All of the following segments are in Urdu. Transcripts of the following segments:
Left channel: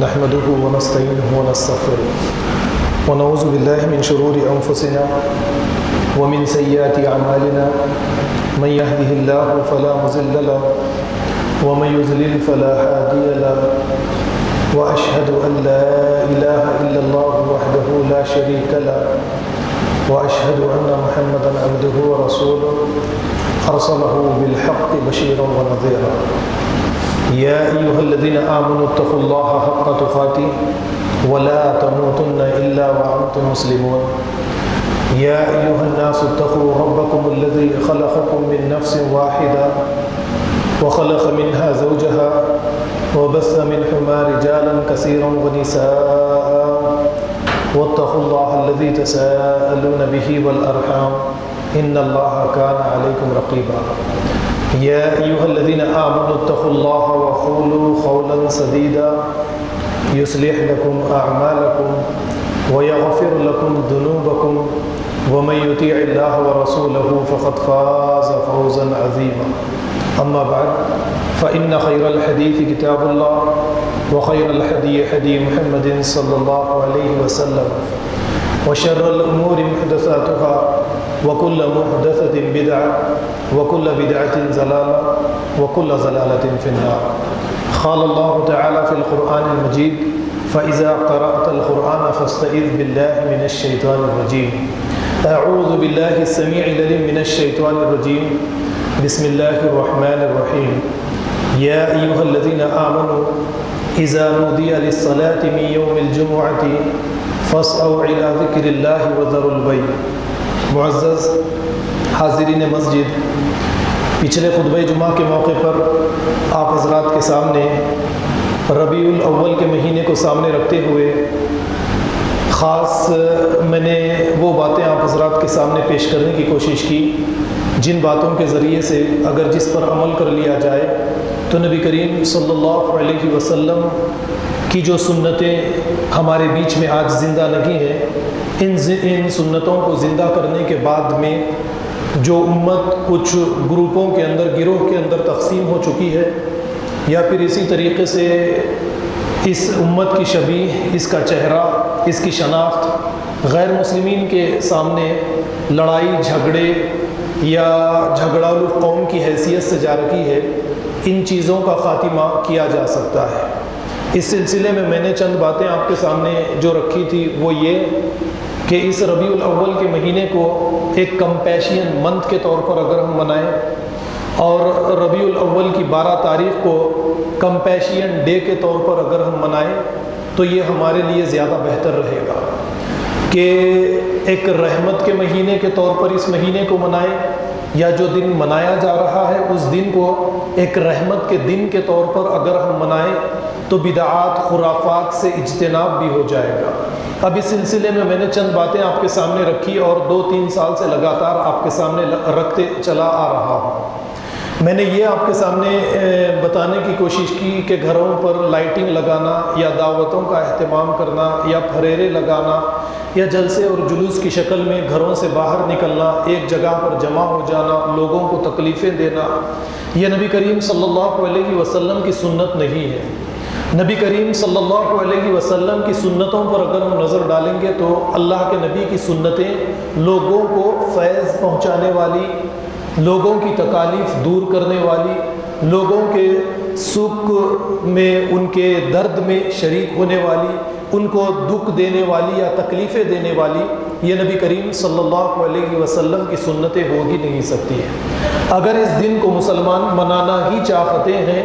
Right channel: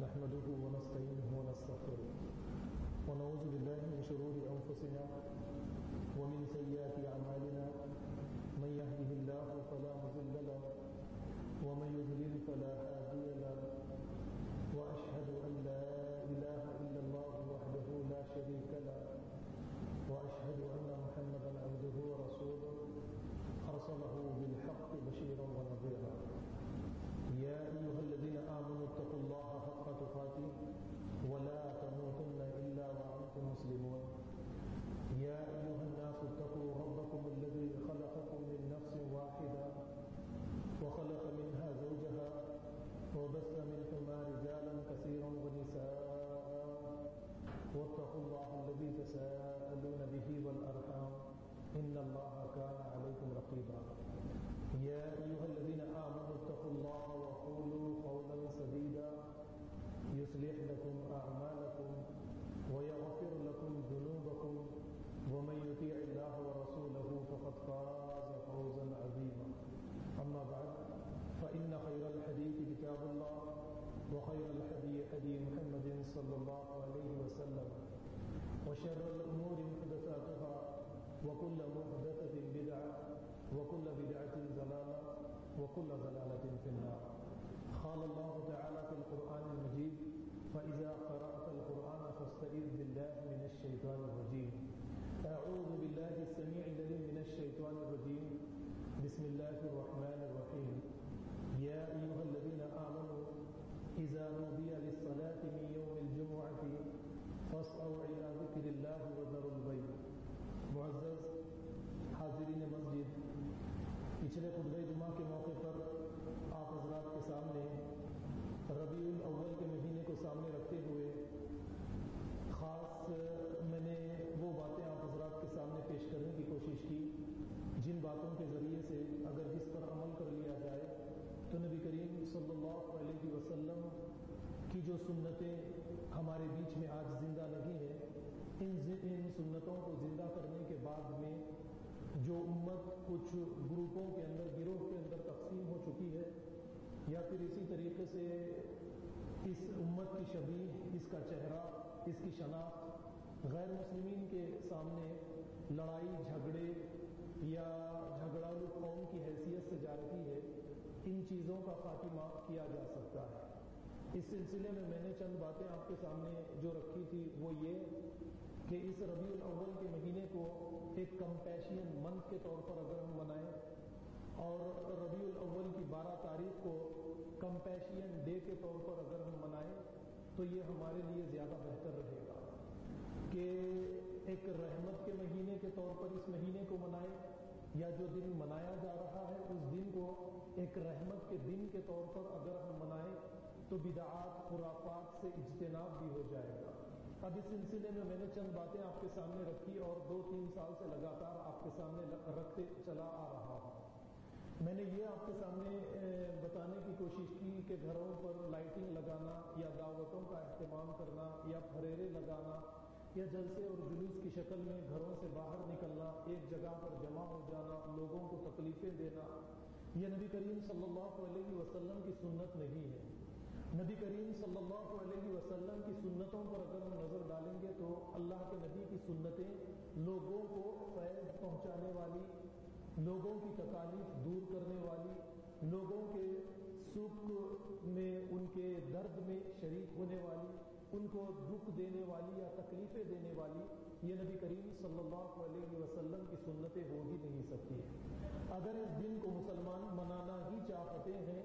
نحمده ونستعينه ونستغفره ونعوذ بالله من شرور أنفسنا ومن سيئات أعمالنا من يهده الله فلا مضل له ومن يضلل فلا هادي له وأشهد أن لا إله إلا الله وحده لا شريك له وأشهد أن محمدا عبده ورسوله أرسله بالحق بشيرا ونذيرا يا أيها الذين آمنوا اتقوا الله حق تقاته ولا تموتن إلا وأنتم مسلمون يا أيها الناس اتقوا ربكم الذي خلقكم من نفس واحدة وخلق منها زوجها وبث منهما رجالا كثيرا ونساء واتقوا الله الذي تساءلون به والأرحام إن الله كان عليكم رقيبا يا أيها الذين آمنوا اتقوا الله وقولوا قولا سديدا يصلح لكم أعمالكم ويغفر لكم ذنوبكم ومن يطيع الله ورسوله فقد فاز فوزا عظيما أما بعد فإن خير الحديث كتاب الله وخير الهدي هدي محمد صلى الله عليه وسلم وشر الأمور محدثاتها وكل محدثة بدعة وكل بدعة ضلالة وكل ضلالة في النار قال الله تعالى في القرآن المجيد فإذا قرأت القرآن فاستعذ بالله من الشيطان الرجيم أعوذ بالله السميع العليم من الشيطان الرجيم بسم الله الرحمن الرحيم يا أيها الذين آمنوا إذا نودي للصلاة من يوم الجمعة فاسعوا إلى ذكر الله وذروا البيع معزز حاضرین مسجد، پچھلے خطبہ جمعہ کے موقع پر آپ حضرات کے سامنے ربیع الاول کے مہینے کو سامنے رکھتے ہوئے خاص میں نے وہ باتیں آپ حضرات کے سامنے پیش کرنے کی کوشش کی جن باتوں کے ذریعے سے اگر جس پر عمل کر لیا جائے تو نبی کریم صلی اللہ علیہ وسلم کی جو سنتیں ہمارے بیچ میں آج زندہ نہیں ہیں، ان سنتوں کو زندہ کرنے کے بعد میں جو امت کچھ گروپوں کے اندر، گروہ کے اندر تقسیم ہو چکی ہے، یا پھر اسی طریقے سے اس امت کی شبیہ، اس کا چہرہ، اس کی شناخت غیر مسلمین کے سامنے لڑائی جھگڑے یا جھگڑالو قوم کی حیثیت سے جا رکھی ہے، ان چیزوں کا خاتمہ کیا جا سکتا ہے۔ اس سلسلے میں نے چند باتیں آپ کے سامنے جو رکھی تھی وہ یہ کہ اس ربیع الاول کے مہینے کو ایک کمپیشین منتھ کے طور پر اگر ہم منائیں اور ربیع الاول کی 12 تاریخ کو کمپیشین ڈے کے طور پر اگر ہم منائیں تو یہ ہمارے لیے زیادہ بہتر رہے گا کہ ایک رحمت کے مہینے کے طور پر اس مہینے کو منائیں، یا جو دن منایا جا رہا ہے اس دن کو ایک رحمت کے دن کے طور پر اگر ہم منائیں تو بدعات، خرافات سے اجتناب بھی ہو جائے گا۔ اب اس سلسلے میں نے چند باتیں آپ کے سامنے رکھی اور 2-3 سال سے لگاتار آپ کے سامنے رکھتے چلا آ رہا ہوں۔ میں نے یہ آپ کے سامنے بتانے کی کوشش کی کہ گھروں پر لائٹنگ لگانا یا دعوتوں کا اہتمام کرنا یا پھریرے لگانا یا جلسے اور جلوس کی شکل میں گھروں سے باہر نکلنا، ایک جگہ پر جمع ہو جانا، لوگوں کو تکلیفیں دینا، یہ نبی کریم صلی اللہ علیہ وسلم کی سنت نہیں ہے۔ نبی کریم صلی اللہ علیہ وسلم کی سنتوں پر اگر ہم نظر ڈالیں گے تو اللہ کے نبی کی سنتیں لوگوں کو فیض پہنچانے والی، لوگوں کی تکالیف دور کرنے والی، لوگوں کے سکھ میں، ان کے درد میں شریک ہونے والی، ان کو دکھ دینے والی یا تکلیفیں دینے والی، یہ نبی کریم صلی اللہ علیہ وسلم کی سنتیں ہو ہی نہیں سکتی ہیں۔ اگر اس دن کو مسلمان منانا ہی چاہتے ہیں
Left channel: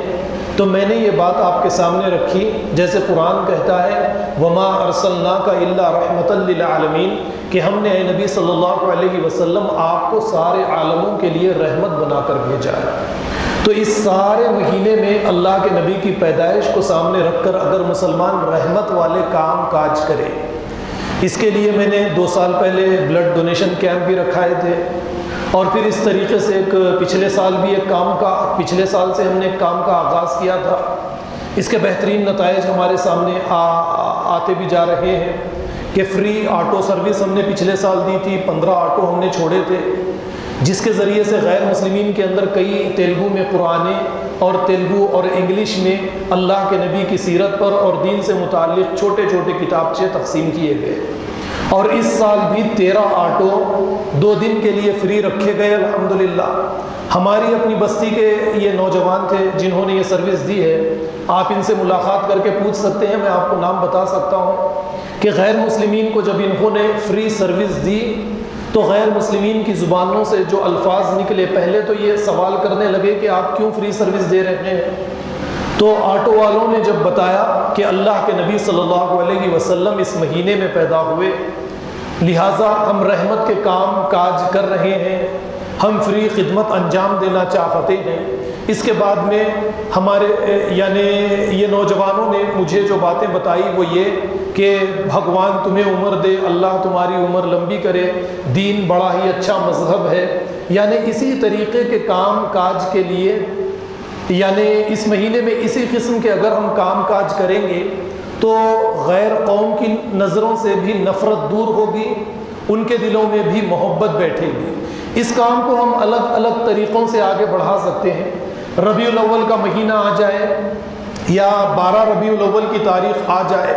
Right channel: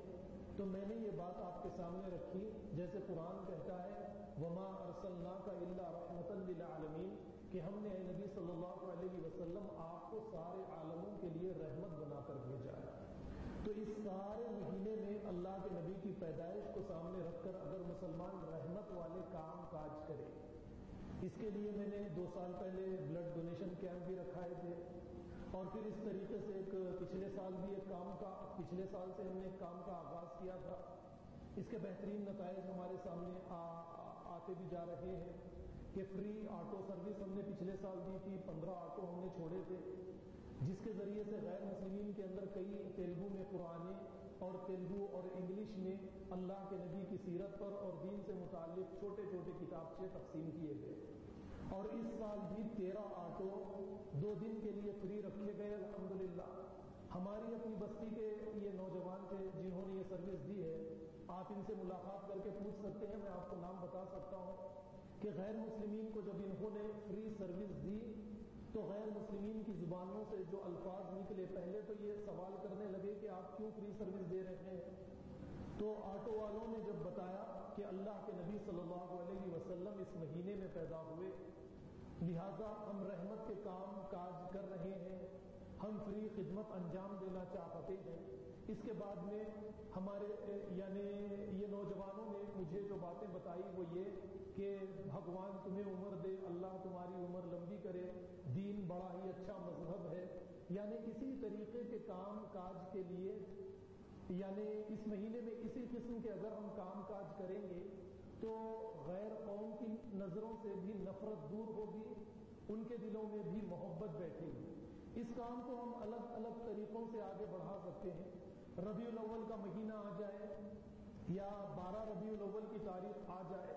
تو میں نے یہ بات آپ کے سامنے رکھی جیسے قرآن کہتا ہے وَمَا أَرْسَلْنَاكَ إِلَّا رَحْمَةً لِلْعَالَمِينَ، کہ ہم نے اے نبی صلی اللہ علیہ وسلم آپ کو سارے عالموں کے لیے رحمت بنا کر بھیجا ہے۔ تو اس سارے مہینے میں اللہ کے نبی کی پیدائش کو سامنے رکھ کر اگر مسلمان رحمت والے کام کاج کرے، اس کے لیے میں نے 2 سال پہلے بلڈ ڈونیشن کیمپ بھی رکھائے تھے، اور پھر اس طریقے سے پچھلے سال سے ہم نے ایک کام کا آغاز کیا تھا۔ اس کے بہترین نتائج ہمارے سامنے آتے بھی جا رہے ہیں کہ فری آٹو سروس ہم نے پچھلے سال دی تھی، 15 آٹو ہم نے چھوڑے تھے، جس کے ذریعے سے غیر مسلمین کے اندر کئی تیلگو میں قرآن اور تیلگو اور انگلش میں اللہ کے نبی کی سیرت پر اور دین سے متعلق چھوٹے چھوٹے کتابچے تقسیم کیے گئے، اور اس سال بھی 13 آٹو 2 دن کے لیے فری رکھے گئے الحمدللہ۔ ہماری اپنی بستی کے یہ نوجوان تھے جنہوں نے یہ سروس دی ہے، آپ ان سے ملاقات کر کے پوچھ سکتے ہیں، میں آپ کو نام بتا سکتا ہوں کہ غیر مسلمین کو جب انہوں نے فری سروس دی تو غیر مسلمین کی زبانوں سے جو الفاظ نکلے، پہلے تو یہ سوال کرنے لگے کہ آپ کیوں فری سروس دے رہے ہیں؟ تو آٹو والوں نے جب بتایا کہ اللہ کے نبی صلی اللہ علیہ وسلم اس مہینے میں پیدا ہوئے، لہٰذا ہم رحمت کے کام کاج کر رہے ہیں، ہم فری خدمت انجام دینا چاہتے ہیں۔ اس کے بعد میں ہمارے یعنی یہ نوجوانوں نے مجھے جو باتیں بتائی وہ یہ کہ بھگوان تمہیں عمر دے، اللہ تمہاری عمر لمبی کرے، دین بڑا ہی اچھا مذہب ہے، یعنی اسی طریقے کے کام کاج کے لیے، یعنی اس مہینے میں اسی قسم کے اگر ہم کام کاج کریں گے تو غیر قوم کی نظروں سے بھی نفرت دور ہوگی، ان کے دلوں میں بھی محبت بیٹھے گی۔ اس کام کو ہم الگ الگ طریقوں سے آگے بڑھا سکتے ہیں۔ ربیع الاول کا مہینہ آ جائے یا 12 ربیع الاول کی تاریخ آ جائے،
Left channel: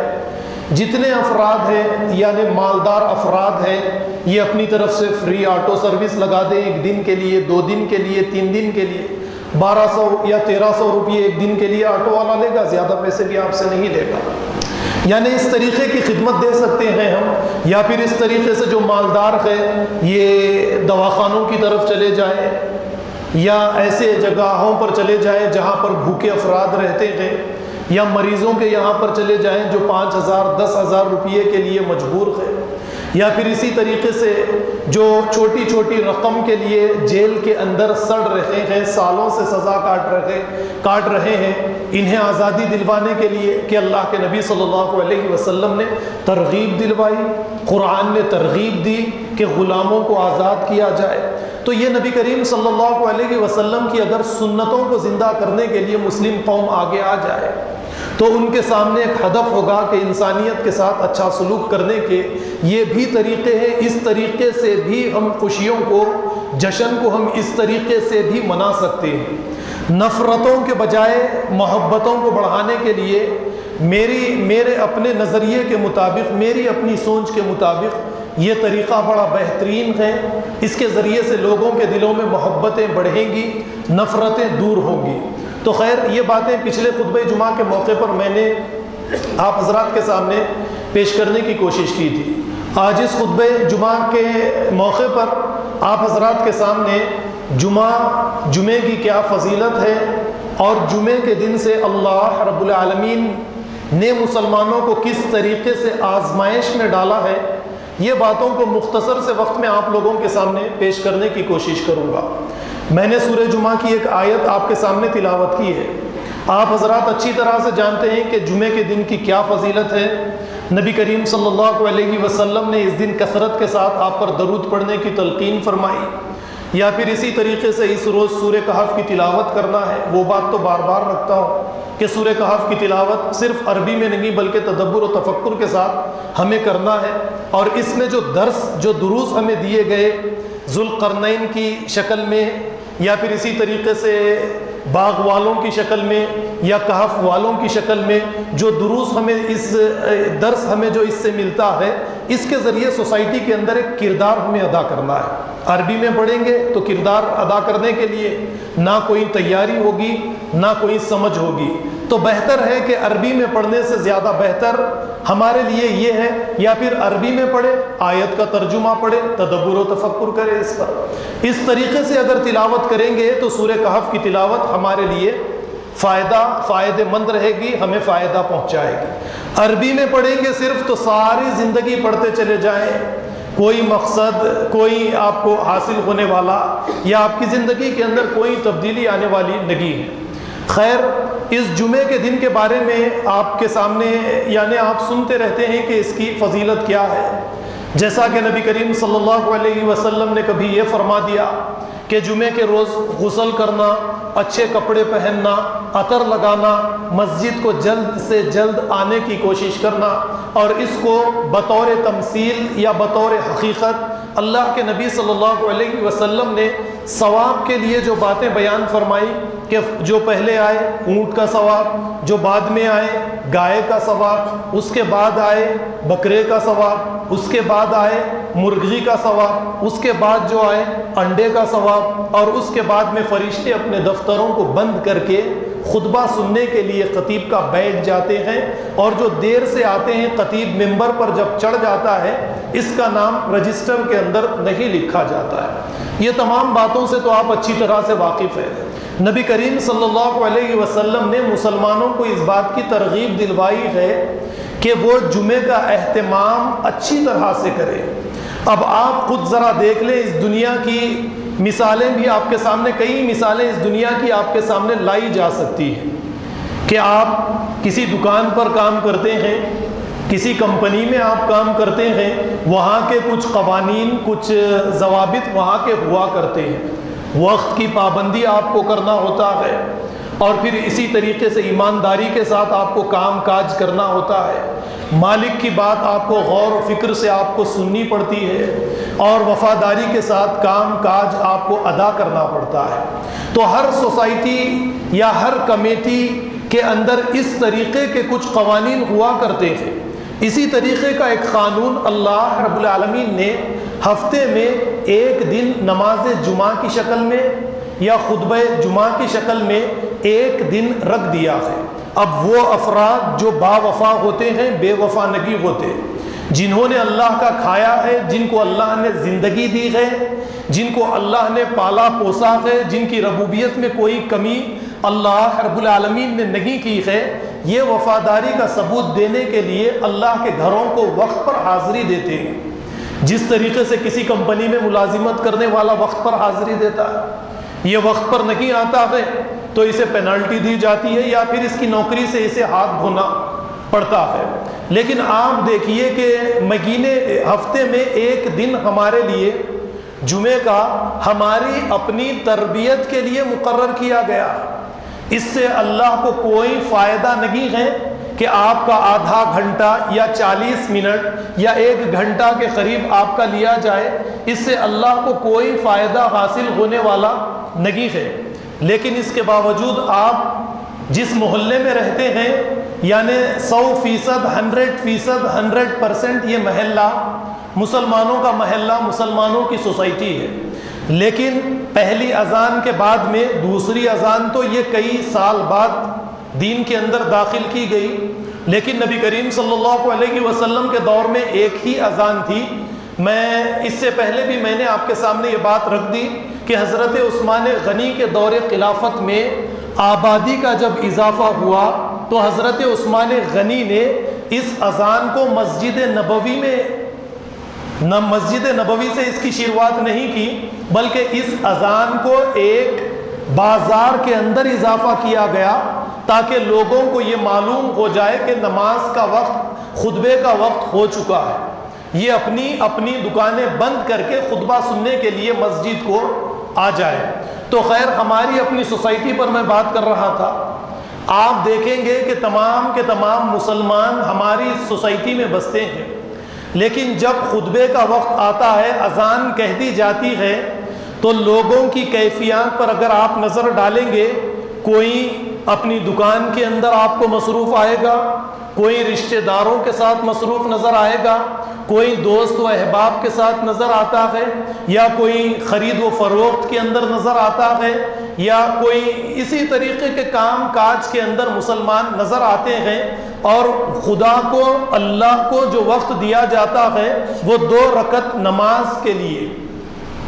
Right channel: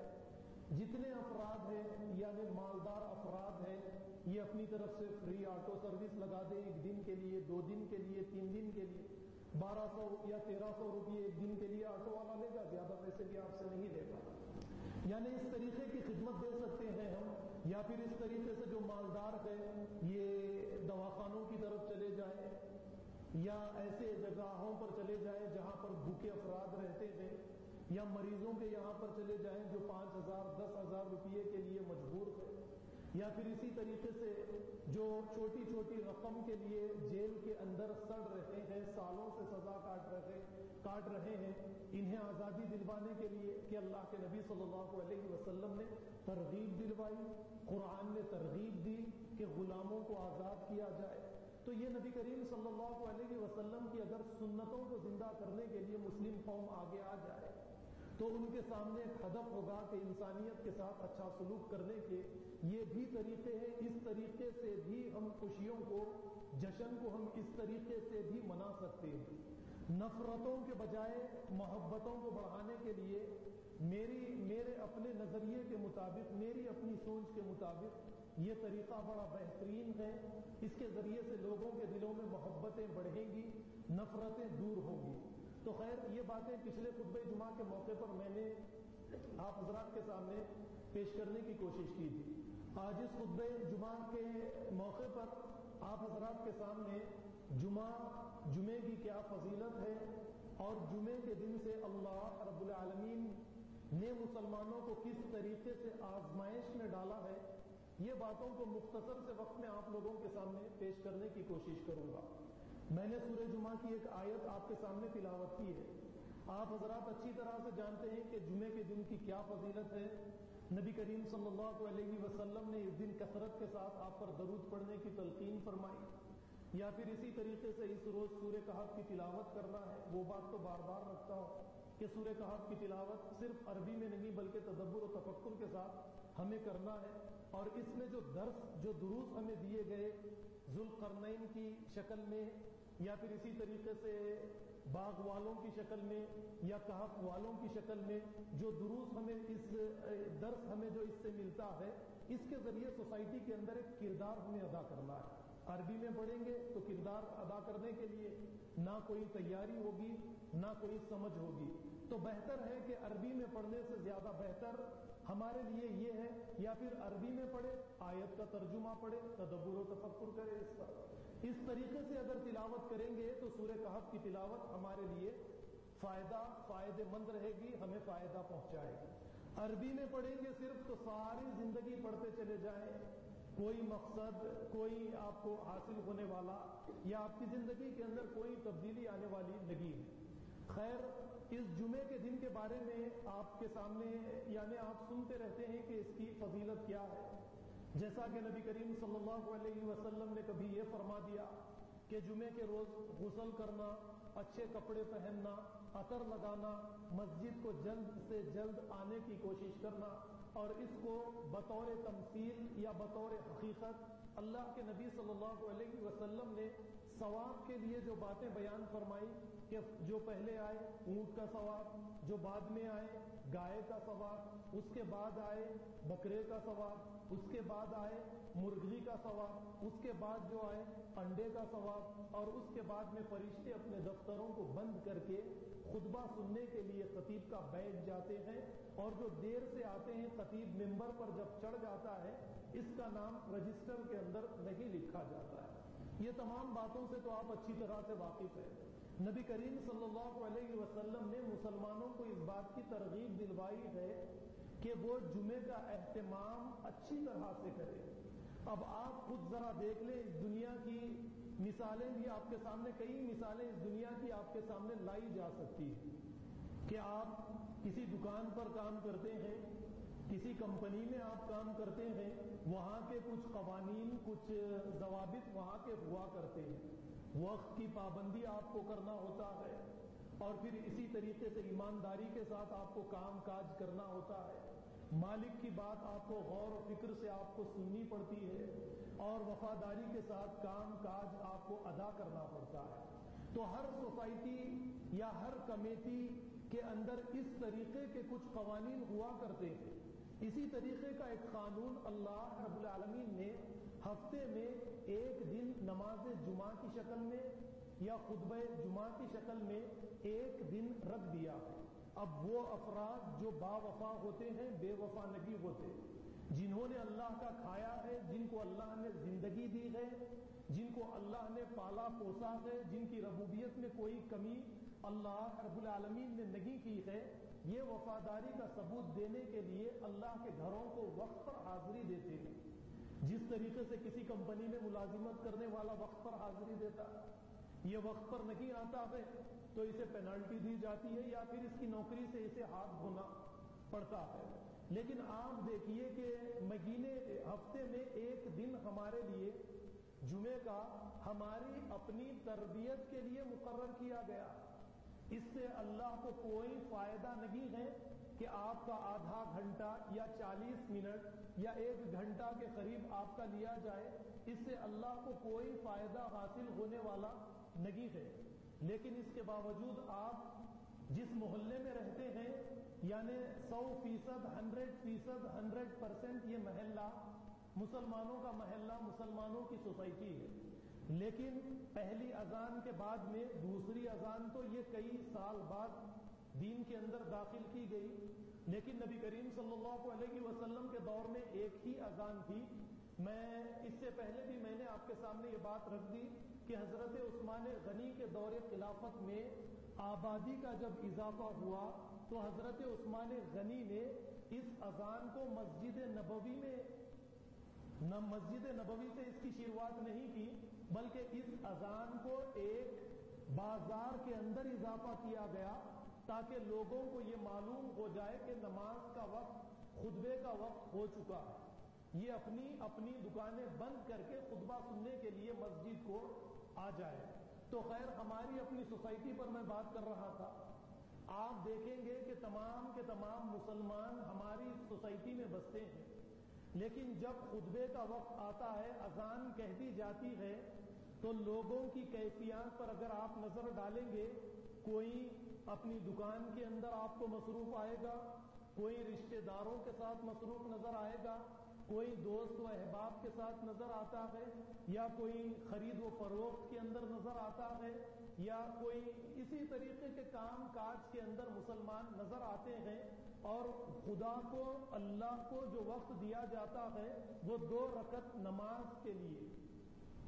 جتنے افراد ہیں یعنی مالدار افراد ہیں یہ اپنی طرف سے فری آٹو سروس لگا دیں، 1 دن کے لیے، 2 دن کے لیے، 3 دن کے لیے۔ 1200 یا 1300 روپئے 1 دن کے لیے آٹو والا لے گا، زیادہ پیسے بھی آپ سے نہیں لے گا۔ یعنی اس طریقے کی خدمت دے سکتے ہیں ہم، یا پھر اس طریقے سے جو مالدار ہے یہ دواخانوں کی طرف چلے جائیں یا ایسے جگہوں پر چلے جائیں جہاں پر بھوکے افراد رہتے ہیں، یا مریضوں کے یہاں پر چلے جائیں جو 5000 10,000 روپئے کے لیے مجبور ہے، یا پھر اسی طریقے سے جو چھوٹی چھوٹی رقم کے لیے جیل کے اندر سڑ رہے ہیں، سالوں سے سزا کاٹ رہے ہیں، انہیں آزادی دلوانے کے لیے کہ اللہ کے نبی صلی اللہ علیہ وسلم نے ترغیب دلوائی، قرآن نے ترغیب دی کہ غلاموں کو آزاد کیا جائے۔ تو یہ نبی کریم صلی اللہ علیہ وسلم کی اگر سنتوں کو زندہ کرنے کے لیے مسلم قوم آگے آ جائے تو ان کے سامنے ایک ہدف ہوگا کہ انسانیت کے ساتھ اچھا سلوک کرنے کے یہ بھی طریقے ہیں، اس طریقے سے بھی ہم خوشیوں کو، جشن کو ہم اس طریقے سے بھی منا سکتے ہیں۔ نفرتوں کے بجائے محبتوں کو بڑھانے کے لیے میرے اپنے نظریے کے مطابق، میری اپنی سوچ کے مطابق یہ طریقہ بڑا بہترین ہے۔ اس کے ذریعے سے لوگوں کے دلوں میں محبتیں بڑھیں گی، نفرتیں دور ہوں گی۔ تو خیر یہ باتیں پچھلے خطبہ جمعہ کے موقع پر میں نے آپ حضرات کے سامنے پیش کرنے کی کوشش کی تھی۔ آج اس خطبہ جمعہ کے موقع پر آپ حضرات کے سامنے جمعے کی کیا فضیلت ہے اور جمعے کے دن سے اللہ رب العالمین نے مسلمانوں کو کس طریقے سے آزمائش میں ڈالا ہے، یہ باتوں کو مختصر سے وقت میں آپ لوگوں کے سامنے پیش کرنے کی کوشش کروں گا۔ میں نے سورہ جمعہ کی ایک آیت آپ کے سامنے تلاوت کی ہے۔ آپ حضرات اچھی طرح سے جانتے ہیں کہ جمعے کے دن کی کیا فضیلت ہے۔ نبی کریم صلی اللہ علیہ وسلم نے اس دن کثرت کے ساتھ آپ پر درود پڑھنے کی تلقین فرمائی، یا پھر اسی طریقے سے اس روز سورہ کہف کی تلاوت کرنا ہے۔ وہ بات تو بار بار رکھتا ہوں کہ سورہ کہف کی تلاوت صرف عربی میں نہیں بلکہ تدبر و تفکر کے ساتھ ہمیں کرنا ہے، اور اس میں جو دروس ہمیں دیے گئے ذوالقرنین کی شکل میں، یا پھر اسی طریقے سے باغ والوں کی شکل میں یا کہف والوں کی شکل میں جو دروس ہمیں درس ہمیں جو اس سے ملتا ہے، اس کے ذریعے سوسائٹی کے اندر ایک کردار ہمیں ادا کرنا ہے۔ عربی میں پڑھیں گے تو کردار ادا کرنے کے لیے نہ کوئی تیاری ہوگی نہ کوئی سمجھ ہوگی، تو بہتر ہے کہ عربی میں پڑھنے سے زیادہ بہتر ہمارے لیے یہ ہے یا پھر عربی میں پڑھے، آیت کا ترجمہ پڑھے، تدبر و تفکر کرے اس پر۔ اس طریقے سے اگر تلاوت کریں گے تو سورہ کہف کی تلاوت ہمارے لیے فائدہ مند رہے گی، ہمیں فائدہ پہنچائے گی۔ عربی میں پڑھیں گے صرف تو ساری زندگی پڑھتے چلے جائیں، کوئی مقصد کوئی آپ کو حاصل ہونے والا یا آپ کی زندگی کے اندر کوئی تبدیلی آنے والی نہیں ہے۔ خیر اس جمعے کے دن کے بارے میں آپ کے سامنے یعنی آپ سنتے رہتے ہیں کہ اس کی فضیلت کیا ہے۔ جیسا کہ نبی کریم صلی اللہ علیہ وسلم نے کبھی یہ فرما دیا کہ جمعے کے روز غسل کرنا، اچھے کپڑے پہننا، عطر لگانا، مسجد کو جلد سے جلد آنے کی کوشش کرنا، اور اس کو بطور تمثیل یا بطور حقیقت اللہ کے نبی صلی اللہ علیہ وسلم نے ثواب کے لیے جو باتیں بیان فرمائی کہ جو پہلے آئے اونٹ کا ثواب، جو بعد میں آئے گائے کا ثواب، اس کے بعد آئے بکرے کا ثواب، اس کے بعد آئے مرغی کا ثواب، اس کے بعد جو آئے انڈے کا ثواب، اور اس کے بعد میں فرشتے اپنے دفتروں کو بند کر کے خطبہ سننے کے لیے خطیب کا بیٹھ جاتے ہیں، اور جو دیر سے آتے ہیں خطیب ممبر پر جب چڑھ جاتا ہے اس کا نام رجسٹر کے اندر نہیں لکھا جاتا ہے۔ یہ تمام باتوں سے تو آپ اچھی طرح سے واقف ہیں۔ نبی کریم صلی اللہ علیہ وسلم نے مسلمانوں کو اس بات کی ترغیب دلوائی ہے کہ وہ جمعے کا اہتمام اچھی طرح سے کریں۔ اب آپ خود ذرا دیکھ لیں، اس دنیا کی مثالیں بھی آپ کے سامنے، کئی مثالیں اس دنیا کی آپ کے سامنے لائی جا سکتی ہیں کہ آپ کسی دکان پر کام کرتے ہیں، کسی کمپنی میں آپ کام کرتے ہیں، وہاں کے کچھ قوانین، کچھ ضوابط وہاں کے ہوا کرتے ہیں، وقت کی پابندی آپ کو کرنا ہوتا ہے، اور پھر اسی طریقے سے ایمانداری کے ساتھ آپ کو کام کاج کرنا ہوتا ہے، مالک کی بات آپ کو غور و فکر سے آپ کو سننی پڑتی ہے، اور وفاداری کے ساتھ کام کاج آپ کو ادا کرنا پڑتا ہے۔ تو ہر سوسائٹی یا ہر کمیٹی کے اندر اس طریقے کے کچھ قوانین ہوا کرتے ہیں۔ اسی طریقے کا ایک قانون اللہ رب العالمین نے ہفتے میں ایک دن نماز جمعہ کی شکل میں یا خطبہ جمعہ کی شکل میں ایک دن رکھ دیا ہے۔ اب وہ افراد جو با وفا ہوتے ہیں، بے وفا نہیں ہوتے، جنہوں نے اللہ کا کھایا ہے، جن کو اللہ نے زندگی دی ہے، جن کو اللہ نے پالا پوسا ہے، جن کی ربوبیت میں کوئی کمی اللہ رب العالمین نے نہیں کی ہے، یہ وفاداری کا ثبوت دینے کے لیے اللہ کے گھروں کو وقت پر حاضری دیتے ہیں۔ جس طریقے سے کسی کمپنی میں ملازمت کرنے والا وقت پر حاضری دیتا ہے، یہ وقت پر نہیں آتا ہے تو اسے پینالٹی دی جاتی ہے یا پھر اس کی نوکری سے اسے ہاتھ دھونا پڑتا ہے۔ لیکن آپ دیکھیے کہ مہینے ہفتے میں ایک دن ہمارے لیے جمعے کا ہماری اپنی تربیت کے لیے مقرر کیا گیا۔ اس سے اللہ کو کوئی فائدہ نہیں ہے کہ آپ کا آدھا گھنٹہ یا 40 منٹ یا 1 گھنٹہ کے قریب آپ کا لیا جائے، اس سے اللہ کو کوئی فائدہ حاصل ہونے والا نہیں ہے۔ لیکن اس کے باوجود آپ جس محلے میں رہتے ہیں، یعنی 100%، 100%، 100% یہ محلہ مسلمانوں کا محلہ، مسلمانوں کی سوسائٹی ہے، لیکن پہلی اذان کے بعد میں دوسری اذان تو یہ کئی سال بعد دین کے اندر داخل کی گئی، لیکن نبی کریم صلی اللہ علیہ وسلم کے دور میں ایک ہی اذان تھی۔ میں اس سے پہلے بھی میں نے آپ کے سامنے یہ بات رکھ دی کہ حضرت عثمان غنی کے دور خلافت میں آبادی کا جب اضافہ ہوا تو حضرت عثمان غنی نے اس اذان کو مسجد نبوی سے اس کی شروعات نہیں کی، بلکہ اس اذان کو ایک بازار کے اندر اضافہ کیا گیا تاکہ لوگوں کو یہ معلوم ہو جائے کہ نماز کا وقت، خطبے کا وقت ہو چکا ہے۔ یہ اپنی دکانیں بند کر کے خطبہ سننے کے لیے مسجد کو آ جائے۔ تو خیر، ہماری اپنی سوسائٹی پر میں بات کر رہا تھا۔ آپ دیکھیں گے کہ تمام کے تمام مسلمان ہماری سوسائٹی میں بستے ہیں، لیکن جب خطبے کا وقت آتا ہے، اذان کہہ دی جاتی ہے، تو لوگوں کی کیفیات پر اگر آپ نظر ڈالیں گے، کوئی اپنی دکان کے اندر آپ کو مصروف آئے گا، کوئی رشتہ داروں کے ساتھ مصروف نظر آئے گا، کوئی دوست و احباب کے ساتھ نظر آتا ہے، یا کوئی خرید و فروخت کے اندر نظر آتا ہے، یا کوئی اسی طریقے کے کام کاج کے اندر مسلمان نظر آتے ہیں۔ اور خدا کو، اللہ کو جو وقت دیا جاتا ہے وہ 2 رکعت نماز کے لیے،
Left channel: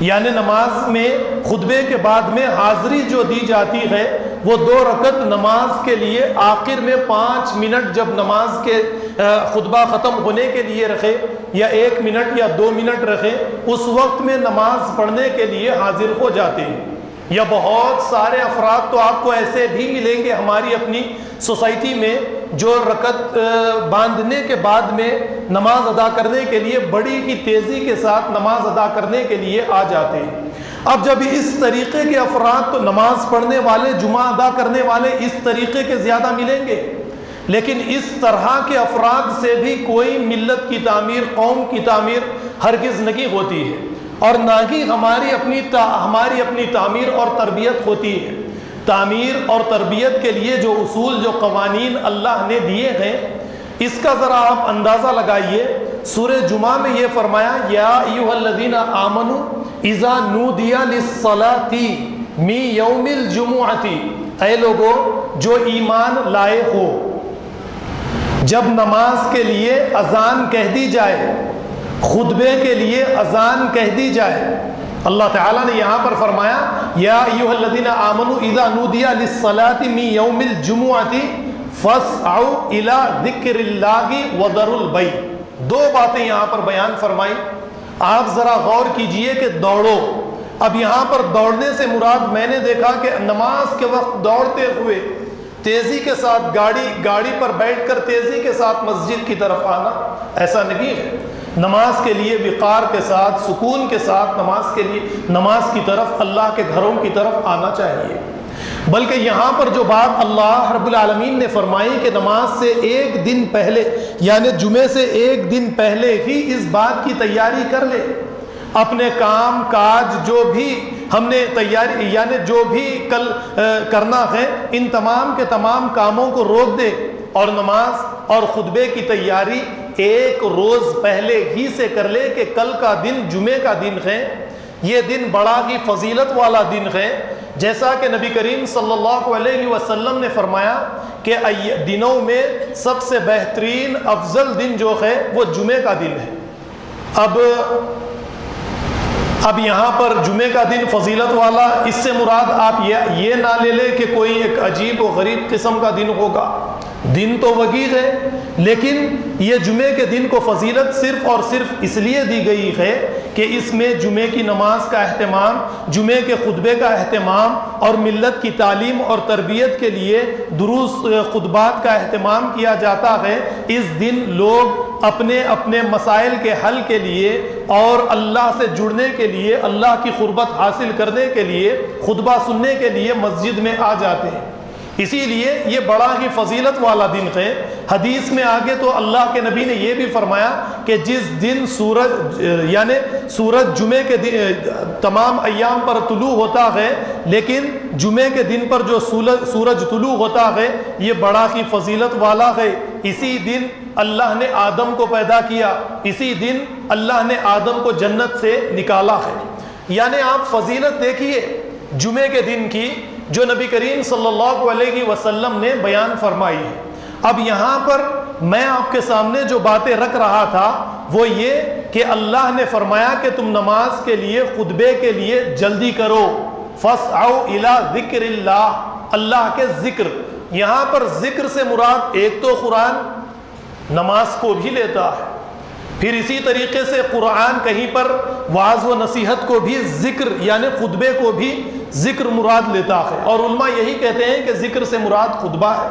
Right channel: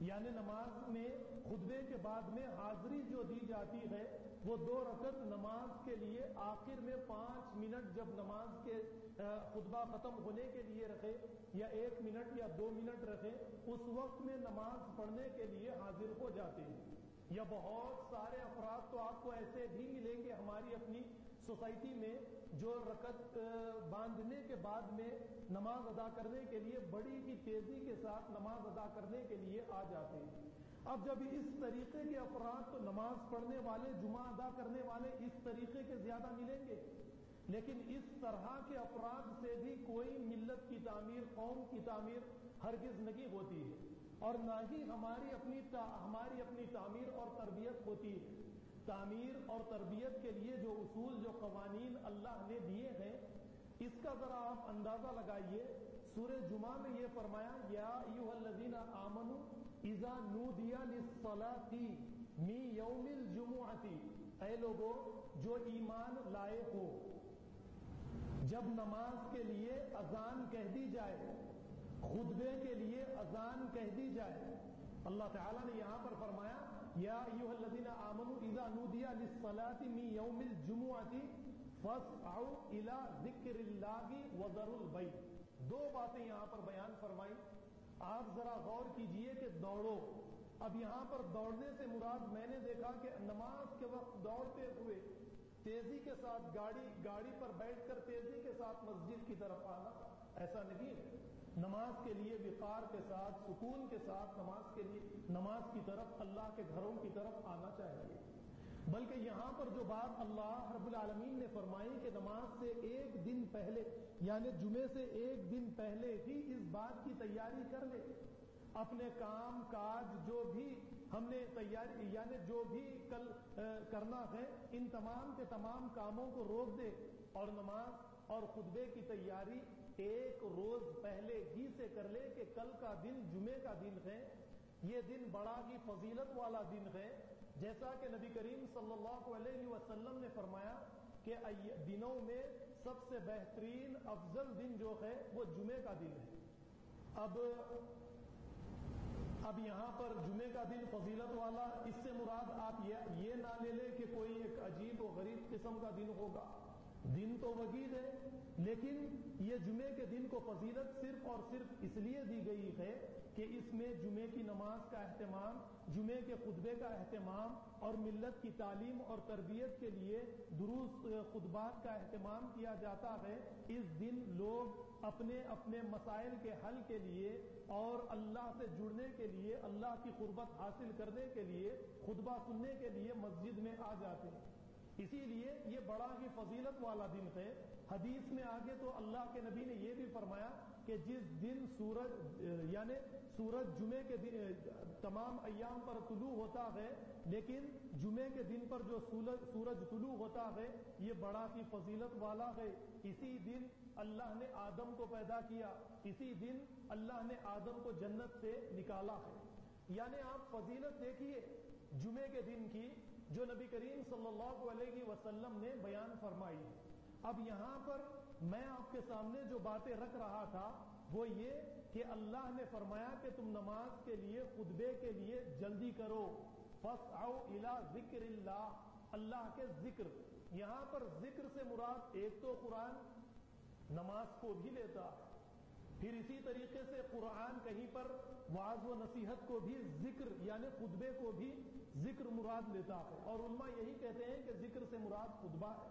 یعنی نماز میں خطبے کے بعد میں حاضری جو دی جاتی ہے وہ 2 رکعت نماز کے لیے، آخر میں 5 منٹ جب نماز کے خطبہ ختم ہونے کے لیے رکھے، یا 1 منٹ یا 2 منٹ رکھے، اس وقت میں نماز پڑھنے کے لیے حاضر ہو جاتے ہیں۔ یا بہت سارے افراد تو آپ کو ایسے بھی ملیں گے ہماری اپنی سوسائٹی میں جو رکعت باندھنے کے بعد میں نماز ادا کرنے کے لیے بڑی ہی تیزی کے ساتھ نماز ادا کرنے کے لیے آ جاتے ہیں۔ اب جب اس طریقے کے افراد، تو نماز پڑھنے والے، جمعہ ادا کرنے والے اس طریقے کے زیادہ ملیں گے، لیکن اس طرح کے افراد سے بھی کوئی ملت کی تعمیر، قوم کی تعمیر ہرگز نہیں ہوتی ہے۔ اور نہ ہی ہماری اپنی تعمیر اور تربیت ہوتی ہے۔ تعمیر اور تربیت کے لیے جو اصول، جو قوانین اللہ نے دیے ہیں، اس کا ذرا آپ اندازہ لگائیے۔ سورہ جمعہ میں یہ فرمایا، یا ایھا الذین آمنوا اذا نودی للصلاۃ من یوم الجمعۃ، اے لوگو جو ایمان لائے ہو، جب نماز کے لیے اذان کہہ دی جائے، خطبے کے لیے اذان کہہ دی جائے، اللہ تعالیٰ نے یہاں پر فرمایا یا ایھا الذین آمنوا اذا نودی للصلاۃ من یوم الجمعۃ فاسعوا الی ذکر اللہ وذروا البیع۔ دو باتیں یہاں پر بیان فرمائی، آپ ذرا غور کیجئے کہ دوڑو۔ اب یہاں پر دوڑنے سے مراد میں نے دیکھا کہ نماز کے وقت دوڑتے ہوئے تیزی کے ساتھ گاڑی پر بیٹھ کر تیزی کے ساتھ مسجد کی طرف آنا، ایسا نہیں ہے۔ نماز کے لیے وقار کے ساتھ، سکون کے ساتھ نماز کی طرف، اللہ کے گھروں کی طرف آنا چاہیے۔ بلکہ یہاں پر جو بات اللہ رب العالمین نے فرمائی کہ نماز سے ایک دن پہلے، یعنی جمعے سے ایک دن پہلے ہی اس بات کی تیاری کر لے، اپنے کام کاج جو بھی ہم نے تیاری، یعنی جو بھی کل کرنا ہے، ان تمام کے تمام کاموں کو روک دے اور نماز اور خطبے کی تیاری ایک روز پہلے ہی سے کر لے کہ کل کا دن جمعے کا دن ہے، یہ دن بڑا ہی فضیلت والا دن ہے۔ جیسا کہ نبی کریم صلی اللہ علیہ وسلم نے فرمایا کہ دنوں میں سب سے بہترین افضل دن جو ہے وہ جمعے کا دن ہے۔ اب یہاں پر جمعے کا دن فضیلت والا، اس سے مراد آپ یہ نہ لے لیں کہ کوئی ایک عجیب و غریب قسم کا دن ہوگا، دن تو وسیع ہے، لیکن یہ جمعے کے دن کو فضیلت صرف اور صرف اس لیے دی گئی ہے کہ اس میں جمعے کی نماز کا اہتمام، جمعے کے خطبے کا اہتمام اور ملت کی تعلیم اور تربیت کے لیے دروس خطبات کا اہتمام کیا جاتا ہے۔ اس دن لوگ اپنے اپنے مسائل کے حل کے لیے اور اللہ سے جڑنے کے لیے، اللہ کی قربت حاصل کرنے کے لیے، خطبہ سننے کے لیے مسجد میں آ جاتے ہیں۔ اسی لیے یہ بڑا ہی فضیلت والا دن ہے۔ حدیث میں آگے تو اللہ کے نبی نے یہ بھی فرمایا کہ جس دن سورج جمعے کے تمام ایام پر طلوع ہوتا ہے، لیکن جمعے کے دن پر جو سورج طلوع ہوتا ہے یہ بڑا ہی فضیلت والا ہے۔ اسی دن اللہ نے آدم کو پیدا کیا، اسی دن اللہ نے آدم کو جنت سے نکالا ہے۔ یعنی آپ فضیلت دیکھیے جمعے کے دن کی جو نبی کریم صلی اللہ علیہ وسلم نے بیان فرمائی ہے۔ اب یہاں پر میں آپ کے سامنے جو باتیں رکھ رہا تھا وہ یہ کہ اللہ نے فرمایا کہ تم نماز کے لیے، خطبے کے لیے جلدی کرو، فاسعوا الی ذکر اللہ، اللہ کے ذکر۔ یہاں پر ذکر سے مراد ایک تو قرآن نماز کو بھی لیتا ہے، پھر اسی طریقے سے قرآن کہیں پر وعظ و نصیحت کو بھی ذکر، یعنی خطبے کو بھی ذکر مراد لیتا ہے، اور علماء یہی کہتے ہیں کہ ذکر سے مراد خطبہ ہے۔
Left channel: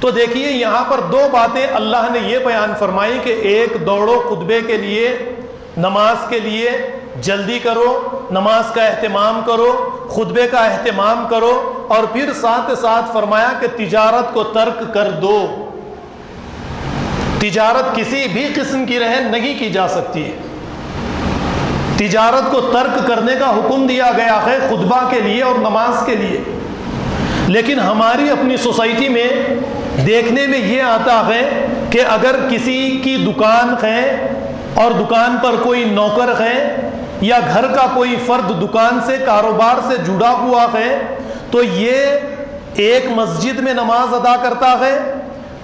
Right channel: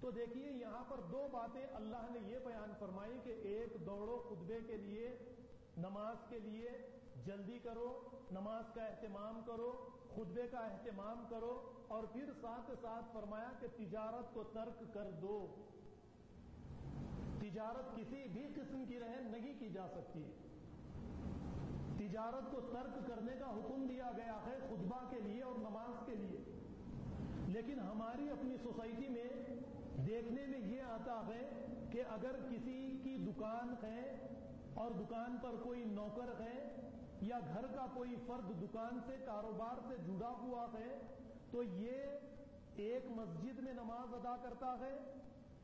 تو دیکھیے یہاں پر دو باتیں اللہ نے یہ بیان فرمائی کہ ایک دوڑو خطبے کے لیے، نماز کے لیے جلدی کرو، نماز کا اہتمام کرو، خطبے کا اہتمام کرو، اور پھر ساتھ ساتھ فرمایا کہ تجارت کو ترک کر دو۔ تجارت کسی بھی قسم کی رہے نہیں کی جا سکتی ہے، تجارت کو ترک کرنے کا حکم دیا گیا ہے خطبہ کے لیے اور نماز کے لیے۔ لیکن ہماری اپنی سوسائٹی میں دیکھنے میں یہ آتا ہے کہ اگر کسی کی دکان ہے اور دکان پر کوئی نوکر ہے یا گھر کا کوئی فرد دکان سے، کاروبار سے جڑا ہوا ہے، تو یہ ایک مسجد میں نماز ادا کرتا ہے،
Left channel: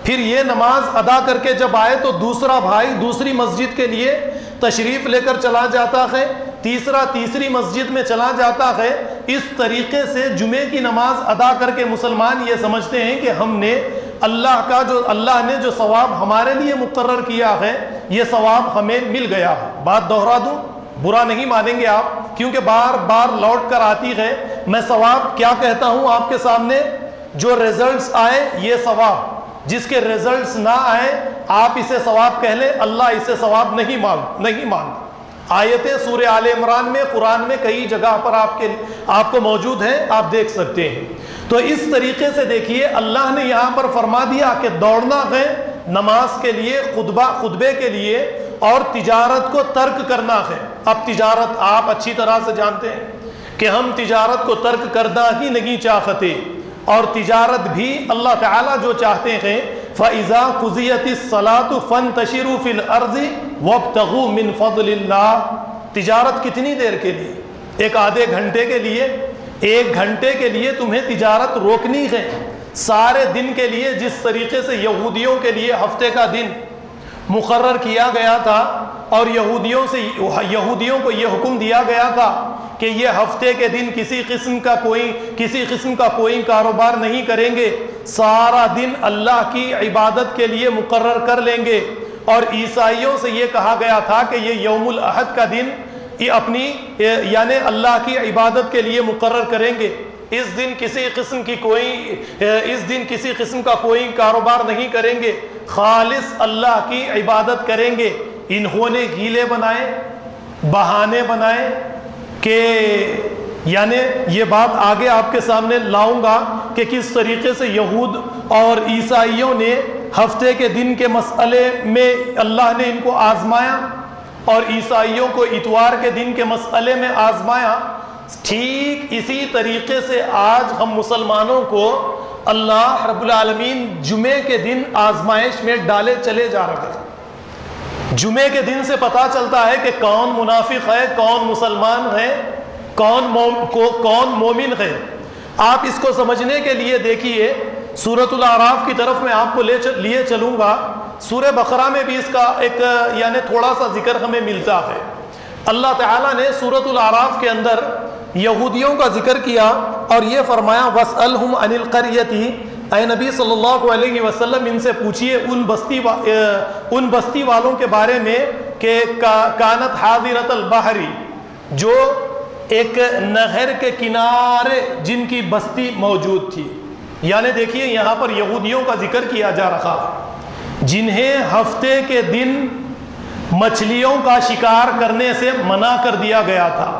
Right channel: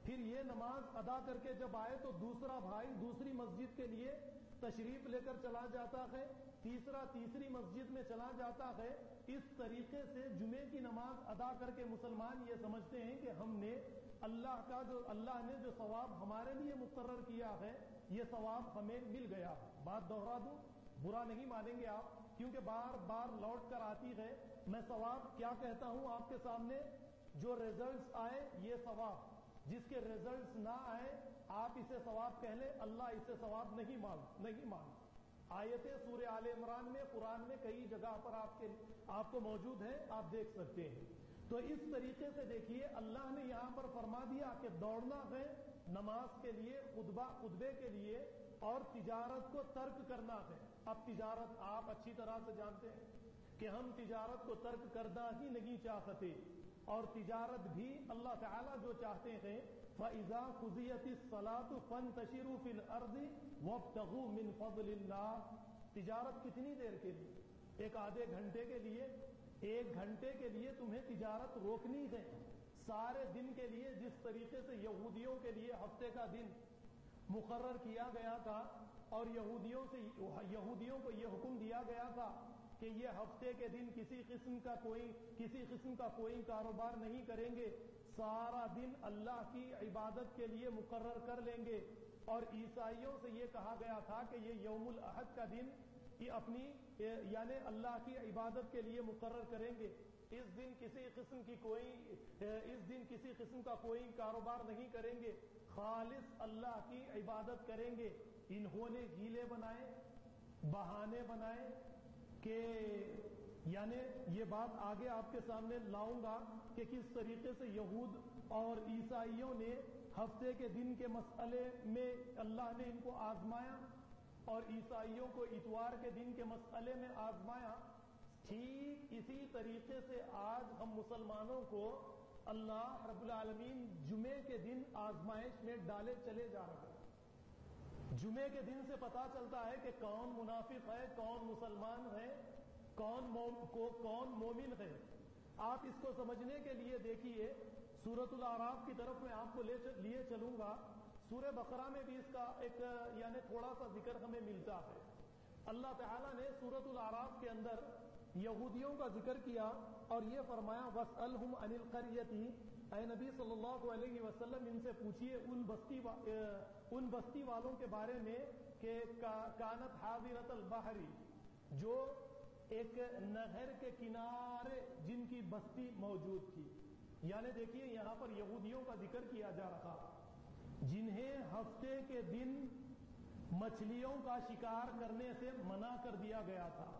پھر یہ نماز ادا کر کے جب آئے تو دوسرا بھائی دوسری مسجد کے لیے تشریف لے کر چلا جاتا ہے، تیسرا تیسری مسجد میں چلا جاتا ہے۔ اس طریقے سے جمعے کی نماز ادا کر کے مسلمان یہ سمجھتے ہیں کہ ہم نے اللہ نے جو ثواب ہمارے لیے مقرر کیا ہے یہ ثواب ہمیں مل گیا ہے۔ بات دوہرا دوں، برا نہیں مانیں گے آپ، کیونکہ بار بار لوٹ کر آتی ہے۔ میں ثواب کیا کہتا ہوں آپ کے سامنے؟ جو ریزلٹس آئے یہ ثواب، جس کے ریزلٹس نہ آئے آپ اسے ثواب کہہ لیں، اللہ اسے ثواب نہیں مان۔ آیتیں سورہ آل عمران میں، قرآن میں کئی جگہ پر آپ کو موجود ہیں، آپ دیکھ سکتے ہیں۔ تو اس طریقے سے دیکھیے اللہ نے یہاں پر فرما دیا کہ دوڑنا ہے نماز کے لیے، خطبے کے لیے، اور تجارت کو ترک کرنا ہے۔ اب تجارت آپ اچھی طرح سے جانتے ہیں کہ ہم تجارت کو ترک کرنا ہی نہیں چاہتے، اور تجارت بھی اللہ تعالیٰ جو چاہتے ہیں فَإِذَا قُضِيَتِ الصَّلَاةُ فَانْتَشِرُوا فِي الْأَرْضِ وَابْتَغُوا مِنْ فَضْلِ اللَّهِ۔ تجارت کتنی دیر کے لیے؟ ایک آدھے گھنٹے کے لیے، ایک گھنٹے کے لیے تمہیں تجارت روکنی ہے۔ سارے دن کے لیے جس طریقے سے یہودیوں کے لیے ہفتے کا دن مقرر کیا گیا تھا، اور یہودیوں کو یہ حکم دیا گیا تھا کہ یہ ہفتے کے دن کسی قسم کا کوئی کاروبار نہیں کریں گے، سارا دن اللہ کی عبادت کے لیے مقرر کر لیں گے۔ اور عیسائیوں سے یہ کہا گیا تھا کہ یہ یوم الاحد کا دن یہ اپنی یعنی اللہ کی عبادت کے لیے مقرر کریں گے، اس دن کسی قسم کا کوئی کاروبار نہیں کریں گے، خالص اللہ کی عبادت کریں گے۔ انہوں نے ہیلے بنائے، بہانے بنائے کہ یعنی یہ بات آگے آپ کے سامنے لاؤں گا کہ کس طریقے سے یہود اور عیسائیوں نے ہفتے کے دن کے مسئلے میں اللہ نے ان کو آزمایا، اور عیسائیوں کو اتوار کے دن کے مسئلے میں آزمایا۔ ٹھیک اسی طریقے سے آج ہم مسلمانوں کو اللہ رب العالمین جمعے کے دن آزمائش میں ڈالے چلے جا رہے ہیں۔ جمعے کے دن سے پتہ چلتا ہے کہ کون منافق ہے، کون مسلمان ہے، کون مومن ہے۔ آپ اس کو سمجھنے کے لیے دیکھیے سورۃ الاعراف کی طرف میں آپ کو لیے چلوں گا۔ سورہ بقرہ میں بھی اس کا ایک یعنی تھوڑا سا ذکر ہمیں ملتا ہے۔ اللہ تعالیٰ نے سورۃ الاعراف کے اندر یہودیوں کا ذکر کیا اور یہ فرمایا وَاسْأَلْهُمْ عَنِ الْقَرْيَةِ، اے نبی صلی اللہ علیہ وسلم ان سے پوچھئے ان بستی والوں کے بارے میں کہ کانت حاضرۃ البحر، جو ایک نہر کے کنارے جن کی بستی موجود تھی۔ یعنی دیکھیے یہاں پر یہودیوں کا ذکر کیا جا رہا ہے جنہیں ہفتے کے دن مچھلیوں کا شکار کرنے سے منع کر دیا گیا تھا،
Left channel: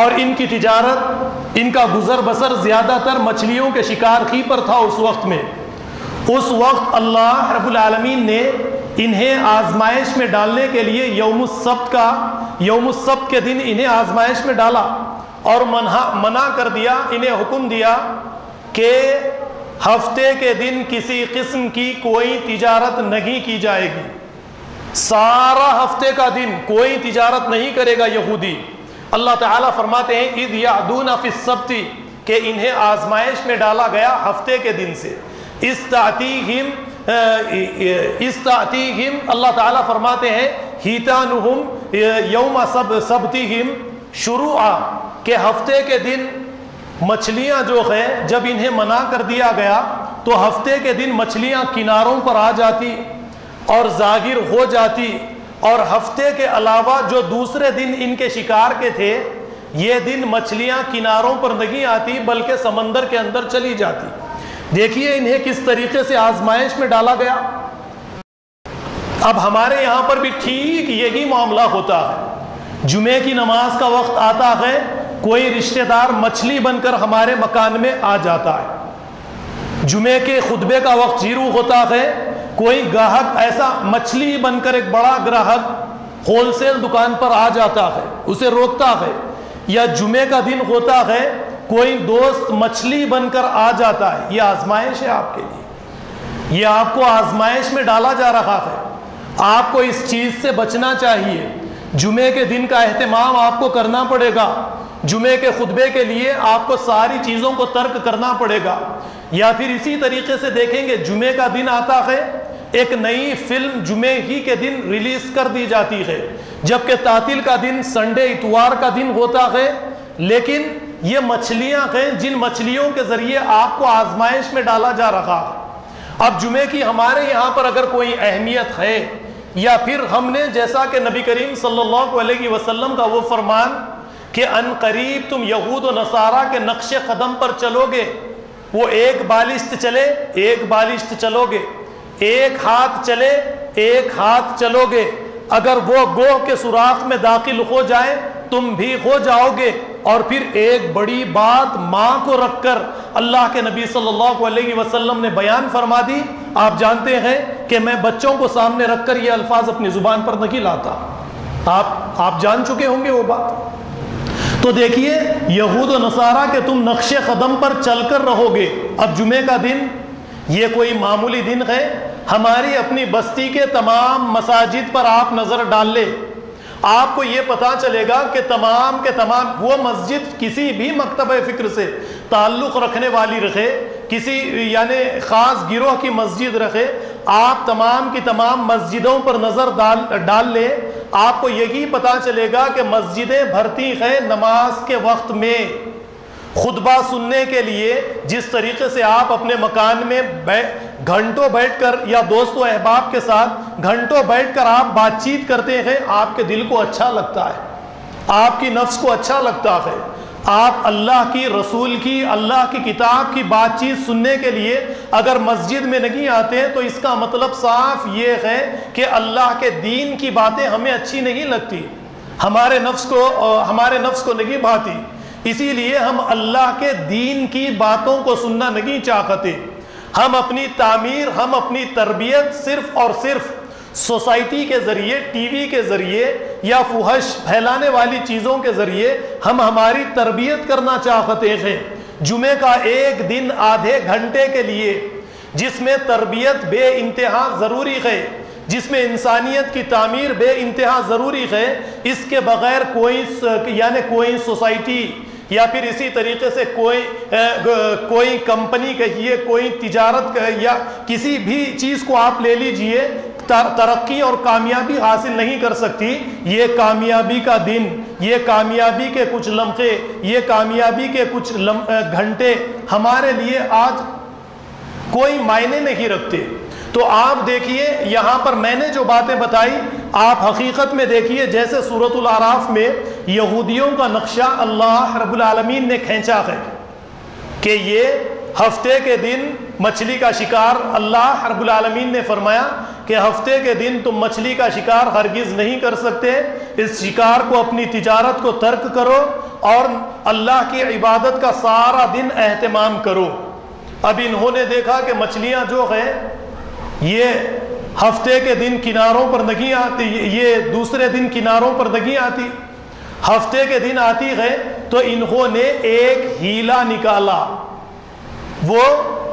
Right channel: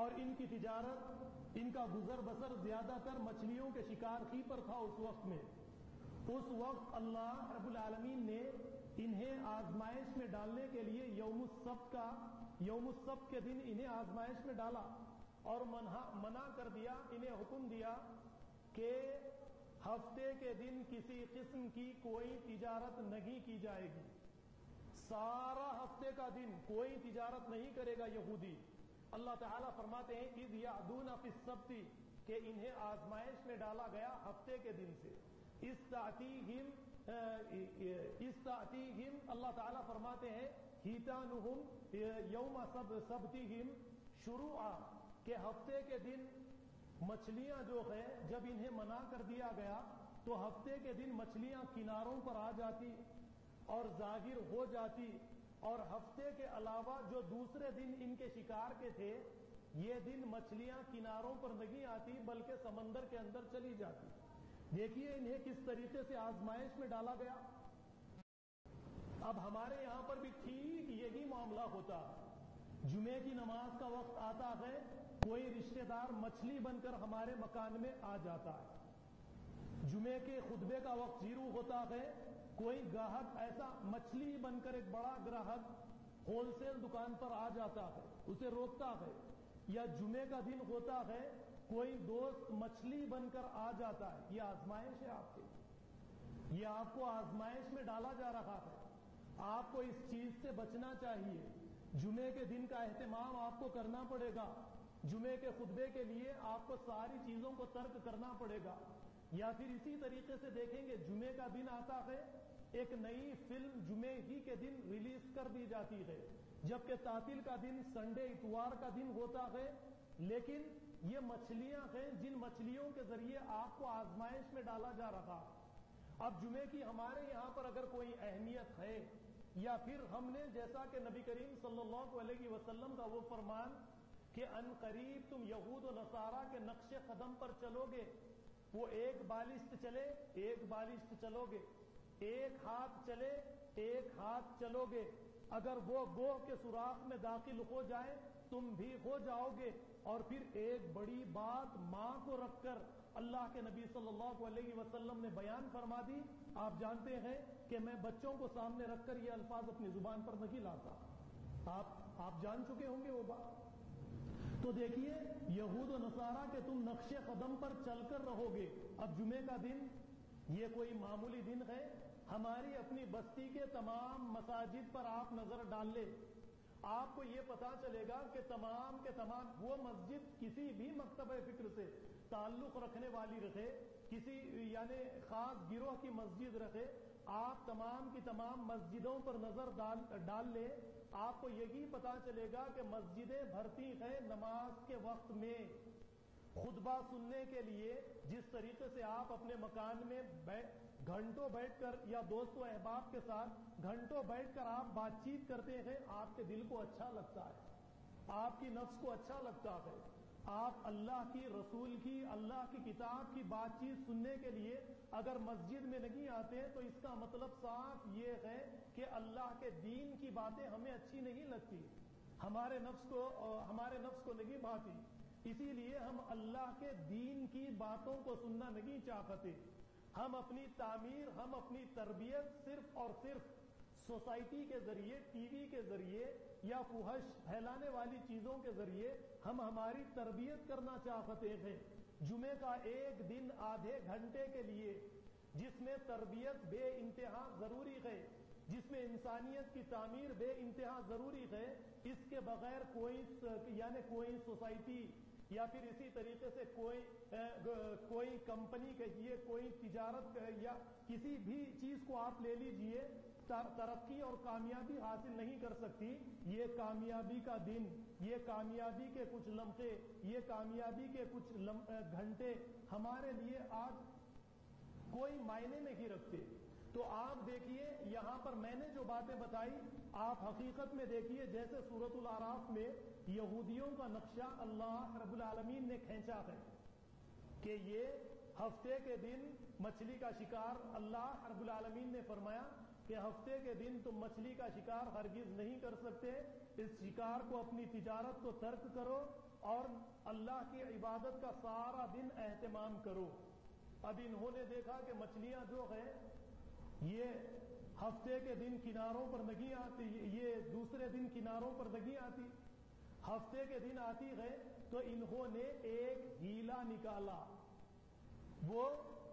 اور ان کی تجارت، ان کا گزر بسر زیادہ تر مچھلیوں کے شکار ہی پر تھا اس وقت میں۔ اس وقت اللہ رب العالمین نے انہیں آزمائش میں ڈالنے کے لیے یوم السبت کے دن انہیں آزمائش میں ڈالا اور منع کر دیا، انہیں حکم دیا کہ ہفتے کے دن کسی قسم کی کوئی تجارت نہیں کی جائے گی۔ سارا ہفتے کا دن کوئی تجارت نہیں کرے گا یہودی۔ اللہ تعالیٰ فرماتے ہیں اِذْ یعدون فی السبت، کہ انہیں آزمائش میں ڈالا گیا ہفتے کے دن سے۔ استعتیہم اللہ تعالیٰ فرماتے ہیں ہیتانہم یوم سبتہم شروعا، کہ ہفتے کے دن مچھلیاں جو ہے جب انہیں منع کر دیا گیا تو ہفتے کے دن مچھلیاں کناروں پر آ جاتی اور ظاہر ہو جاتی، اور ہفتے کے علاوہ جو دوسرے دن ان کے شکار کے تھے یہ دن مچھلیاں کناروں پر نہیں آتی بلکہ سمندر کے اندر چلی جاتی۔ دیکھیے انہیں کس طریقے سے آزمائش میں ڈالا گیا۔ اب ہمارے یہاں پر بھی ٹھیک یہی معاملہ ہوتا ہے۔ جمعے کی نماز کا وقت آتا ہے، کوئی رشتہ دار مچھلی بن کر ہمارے مکان میں آ جاتا ہے۔ جمعے کے خطبے کا وقت شروع ہوتا ہے، کوئی گاہک ایسا مچھلی بن کر ایک بڑا گراہک ہول سیل دکان پر آ جاتا ہے، اسے روکتا ہے۔ یا جمعے کا دن ہوتا ہے، کوئی دوست مچھلی بن کر آ جاتا ہے۔ یہ آزمائش ہے آپ کے لیے، یہ آپ کو آزمائش میں ڈالا جا رہا ہے۔ آپ کو اس چیز سے بچنا چاہیے۔ جمعے کے دن کا اہتمام آپ کو کرنا پڑے گا۔ جمعے کے خطبے کے لیے آپ کو ساری چیزوں کو ترک کرنا پڑے گا۔ یا پھر اسی طریقے سے دیکھیں گے جمعے کا دن آتا ہے، ایک نئی فلم جمعے ہی کے دن ریلیز کر دی جاتی ہے، جبکہ تعطیل کا دن سنڈے اتوار کا دن ہوتا ہے۔ لیکن یہ مچھلیاں ہیں جن مچھلیوں کے ذریعے آپ کو آزمائش میں ڈالا جا رہا ہے۔ اب جمعے کی ہمارے یہاں پر اگر کوئی اہمیت ہے، یا پھر ہم نے جیسا کہ نبی کریم صلی اللہ علیہ وسلم کا وہ فرمان کہ ان قریب تم یہود و نصارہ کے نقش قدم پر چلو گے، وہ ایک بالشت چلے ایک بالشت چلو گے، ایک ہاتھ چلے ایک ہاتھ چلو گے، اگر وہ گوہ کے سوراخ میں داخل ہو جائے تم بھی ہو جاؤ گے۔ اور پھر ایک بڑی بات ماں کو رکھ کر اللہ کے نبی صلی اللہ علیہ وسلم نے بیان فرما دی۔ آپ جانتے ہیں کہ میں بچوں کو سامنے رکھ کر یہ الفاظ اپنی زبان پر نہیں لاتا. آپ جان چکے ہوں گے وہ بات. تو دیکھیے یہود و نصارہ کہ تم نقش قدم پر چل کر رہو گے. اب جمعے کا دن یہ کوئی معمولی دن ہے؟ ہماری اپنی بستی کے تمام مساجد پر آپ نظر ڈال لیں, آپ کو یہ پتا چلے گا کہ تمام کے تمام وہ مسجد کسی بھی مکتبہ فکر سے تعلق رکھنے والی رکھے, کسی یعنی خاص گروہ کی مسجد رکھے, آپ تمام کی تمام مسجدوں پر نظر ڈال لیں, آپ کو یہی پتا چلے گا کہ مسجدیں بھرتی ہیں نماز کے وقت میں. خطبہ سننے کے لیے جس طریقے سے آپ اپنے مکان میں گھنٹوں بیٹھ کر یا دوست و احباب کے ساتھ گھنٹوں بیٹھ کر آپ بات چیت کرتے ہیں, آپ کے دل کو اچھا لگتا ہے, آپ کی نفس کو اچھا لگتا ہے. آپ اللہ کی, رسول کی, اللہ کی کتاب کی بات چیت سننے کے لیے اگر مسجد میں نہیں آتے تو اس کا مطلب صاف یہ ہے کہ اللہ کے دین کی باتیں ہمیں اچھی نہیں لگتی, ہمارے نفس کو نہیں بھاتی. اسی لیے ہم اللہ کے دین کی باتوں کو سننا نہیں چاہتے. ہم اپنی تعمیر, ہم اپنی تربیت صرف اور صرف سوسائٹی کے ذریعے, ٹی وی کے ذریعے یا فحش پھیلانے والی چیزوں کے ذریعے ہم ہماری تربیت کرنا چاہتے ہیں. جمعے کا ایک دن آدھے گھنٹے کے لیے جس میں تربیت بے انتہا ضروری ہے, جس میں انسانیت کی تعمیر بے انتہا ضروری ہے, اس کے بغیر کوئی سوسائٹی یا پھر اسی طریقے سے کوئی کمپنی کہیے, کوئی تجارت یا کسی بھی چیز کو آپ لے لیجئے, ترقی اور کامیابی حاصل نہیں کر سکتی. یہ کامیابی کا دن, یہ کامیابی کے کچھ لمحے, یہ کامیابی کے کچھ گھنٹے ہمارے لیے آج کوئی معنی نہیں رکھتے. تو آپ دیکھیے یہاں پر میں نے جو باتیں بتائی, آپ حقیقت میں دیکھیے جیسے سورۃ الاعراف میں یہودیوں کا نقشہ اللہ رب العالمین نے کھینچا ہے کہ یہ ہفتے کے دن مچھلی کا شکار, اللہ رب العالمین نے فرمایا کہ ہفتے کے دن تم مچھلی کا شکار ہرگز نہیں کر سکتے, اس شکار کو, اپنی تجارت کو ترک کرو اور اللہ کی عبادت کا سارا دن اہتمام کرو. اب انہوں نے دیکھا کہ مچھلیاں جو ہیں یہ ہفتے کے دن کناروں پر نہیں آتی, یہ دوسرے دن کناروں پر نہیں آتی, ہفتے کے دن آتی ہے. تو انہوں نے ایک ہیلا نکالا, وہ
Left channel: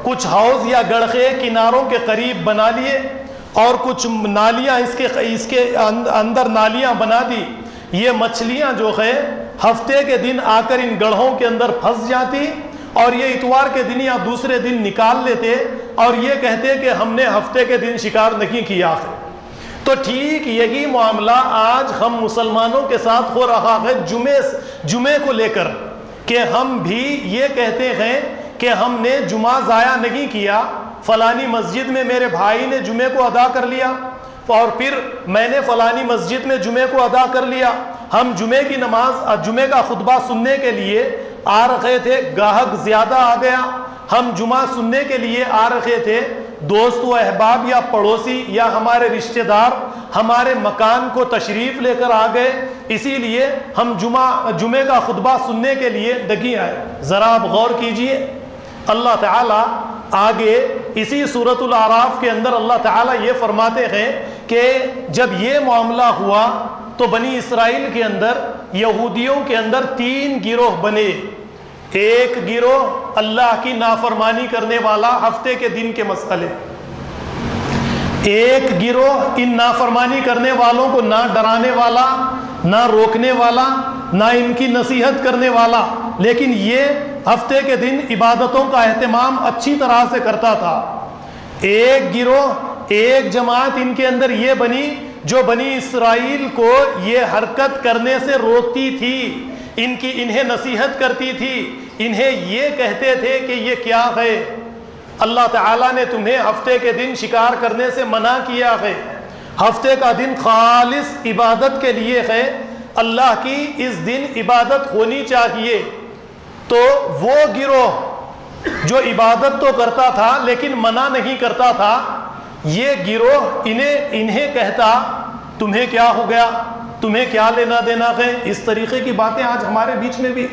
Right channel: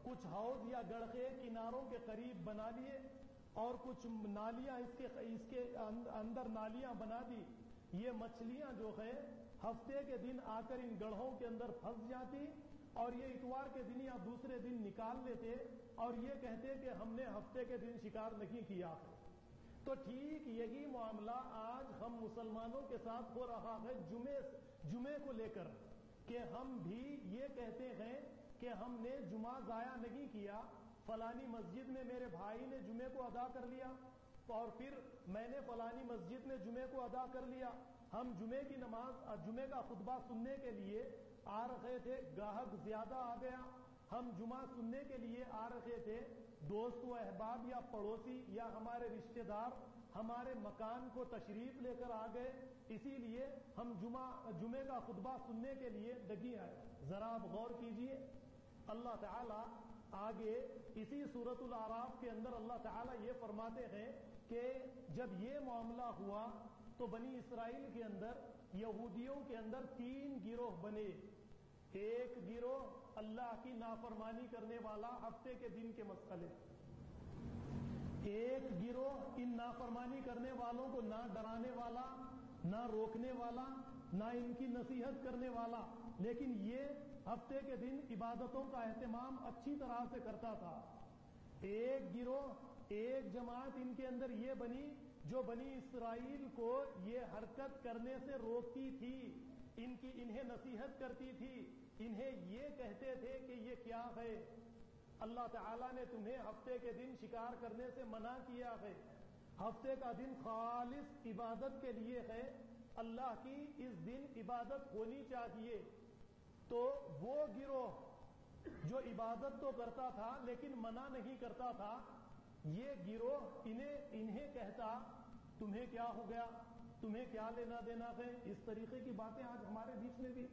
کچھ حوض یا گڑھے کناروں کے قریب بنا لیے اور کچھ نالیاں اس کے اندر نالیاں بنا دی. یہ مچھلیاں جو ہے ہفتے کے دن آ کر ان گڑھوں کے اندر پھنس جاتی اور یہ اتوار کے دن یا دوسرے دن نکال لیتے اور یہ کہتے کہ ہم نے ہفتے کے دن شکار نہیں کیا ہے. تو ٹھیک یہی معاملہ آج ہم مسلمانوں کے ساتھ ہو رہا ہے جمعے کو لے کر, کہ ہم بھی یہ کہتے ہیں کہ ہم نے جمعہ ضائع نہیں کیا, فلانی مسجد میں میرے بھائی نے جمعے کو ادا کر لیا اور پھر میں نے فلانی مسجد میں جمعے کو ادا کر لیا. ہم جمعے کی نماز, جمعے کا خطبہ سننے کے لیے آ رہے تھے, گاہک زیادہ آ گیا, ہم جمعہ سننے کے لیے آ رہے تھے, دوست و احباب یا پڑوسی یا ہمارے رشتہ دار ہمارے مکان کو تشریف لے کر آ گئے, اسی لیے ہم جمعے کا خطبہ سننے کے لیے نہیں آئے. ذرا آپ غور کیجئے, اللہ تعالیٰ آگے اسی سورۃ الاعراف کے اندر اللہ تعالیٰ یہ فرماتے ہیں کہ جب یہ معاملہ ہوا تو بنی اسرائیل کے اندر, یہودیوں کے اندر 3 گروہ بنے. ایک گروہ اللہ کی نافرمانی کرنے والا, ہفتے کے دن کے مسئلے, ایک گروہ ان نافرمانی کرنے والوں کو نہ ڈرانے والا, نہ روکنے والا, نہ ان کی نصیحت کرنے والا, لیکن یہ ہفتے کے دن عبادتوں کا اہتمام اچھی طرح سے کرتا تھا. ایک گروہ, ایک جماعت ان کے اندر یہ بنی جو بنی اسرائیل کو یہ حرکت کرنے سے روکتی تھی, انہیں نصیحت کرتی تھی, انہیں یہ کہتے تھے کہ یہ کیا ہے, اللہ تعالیٰ نے تمہیں ہفتے کے دن شکار کرنے سے منع کیا ہے, ہفتے کا دن خالص عبادت کے لیے ہے, اللہ کی اس دن عبادت ہونی چاہیے. تو وہ گروہ جو عبادت تو کرتا تھا لیکن منع نہیں کرتا تھا, یہ گروہ انہیں کہتا تمہیں کیا ہو گیا, تمہیں کیا لینا دینا ہے. اس طریقے کی باتیں آج ہمارے بیچ میں بھی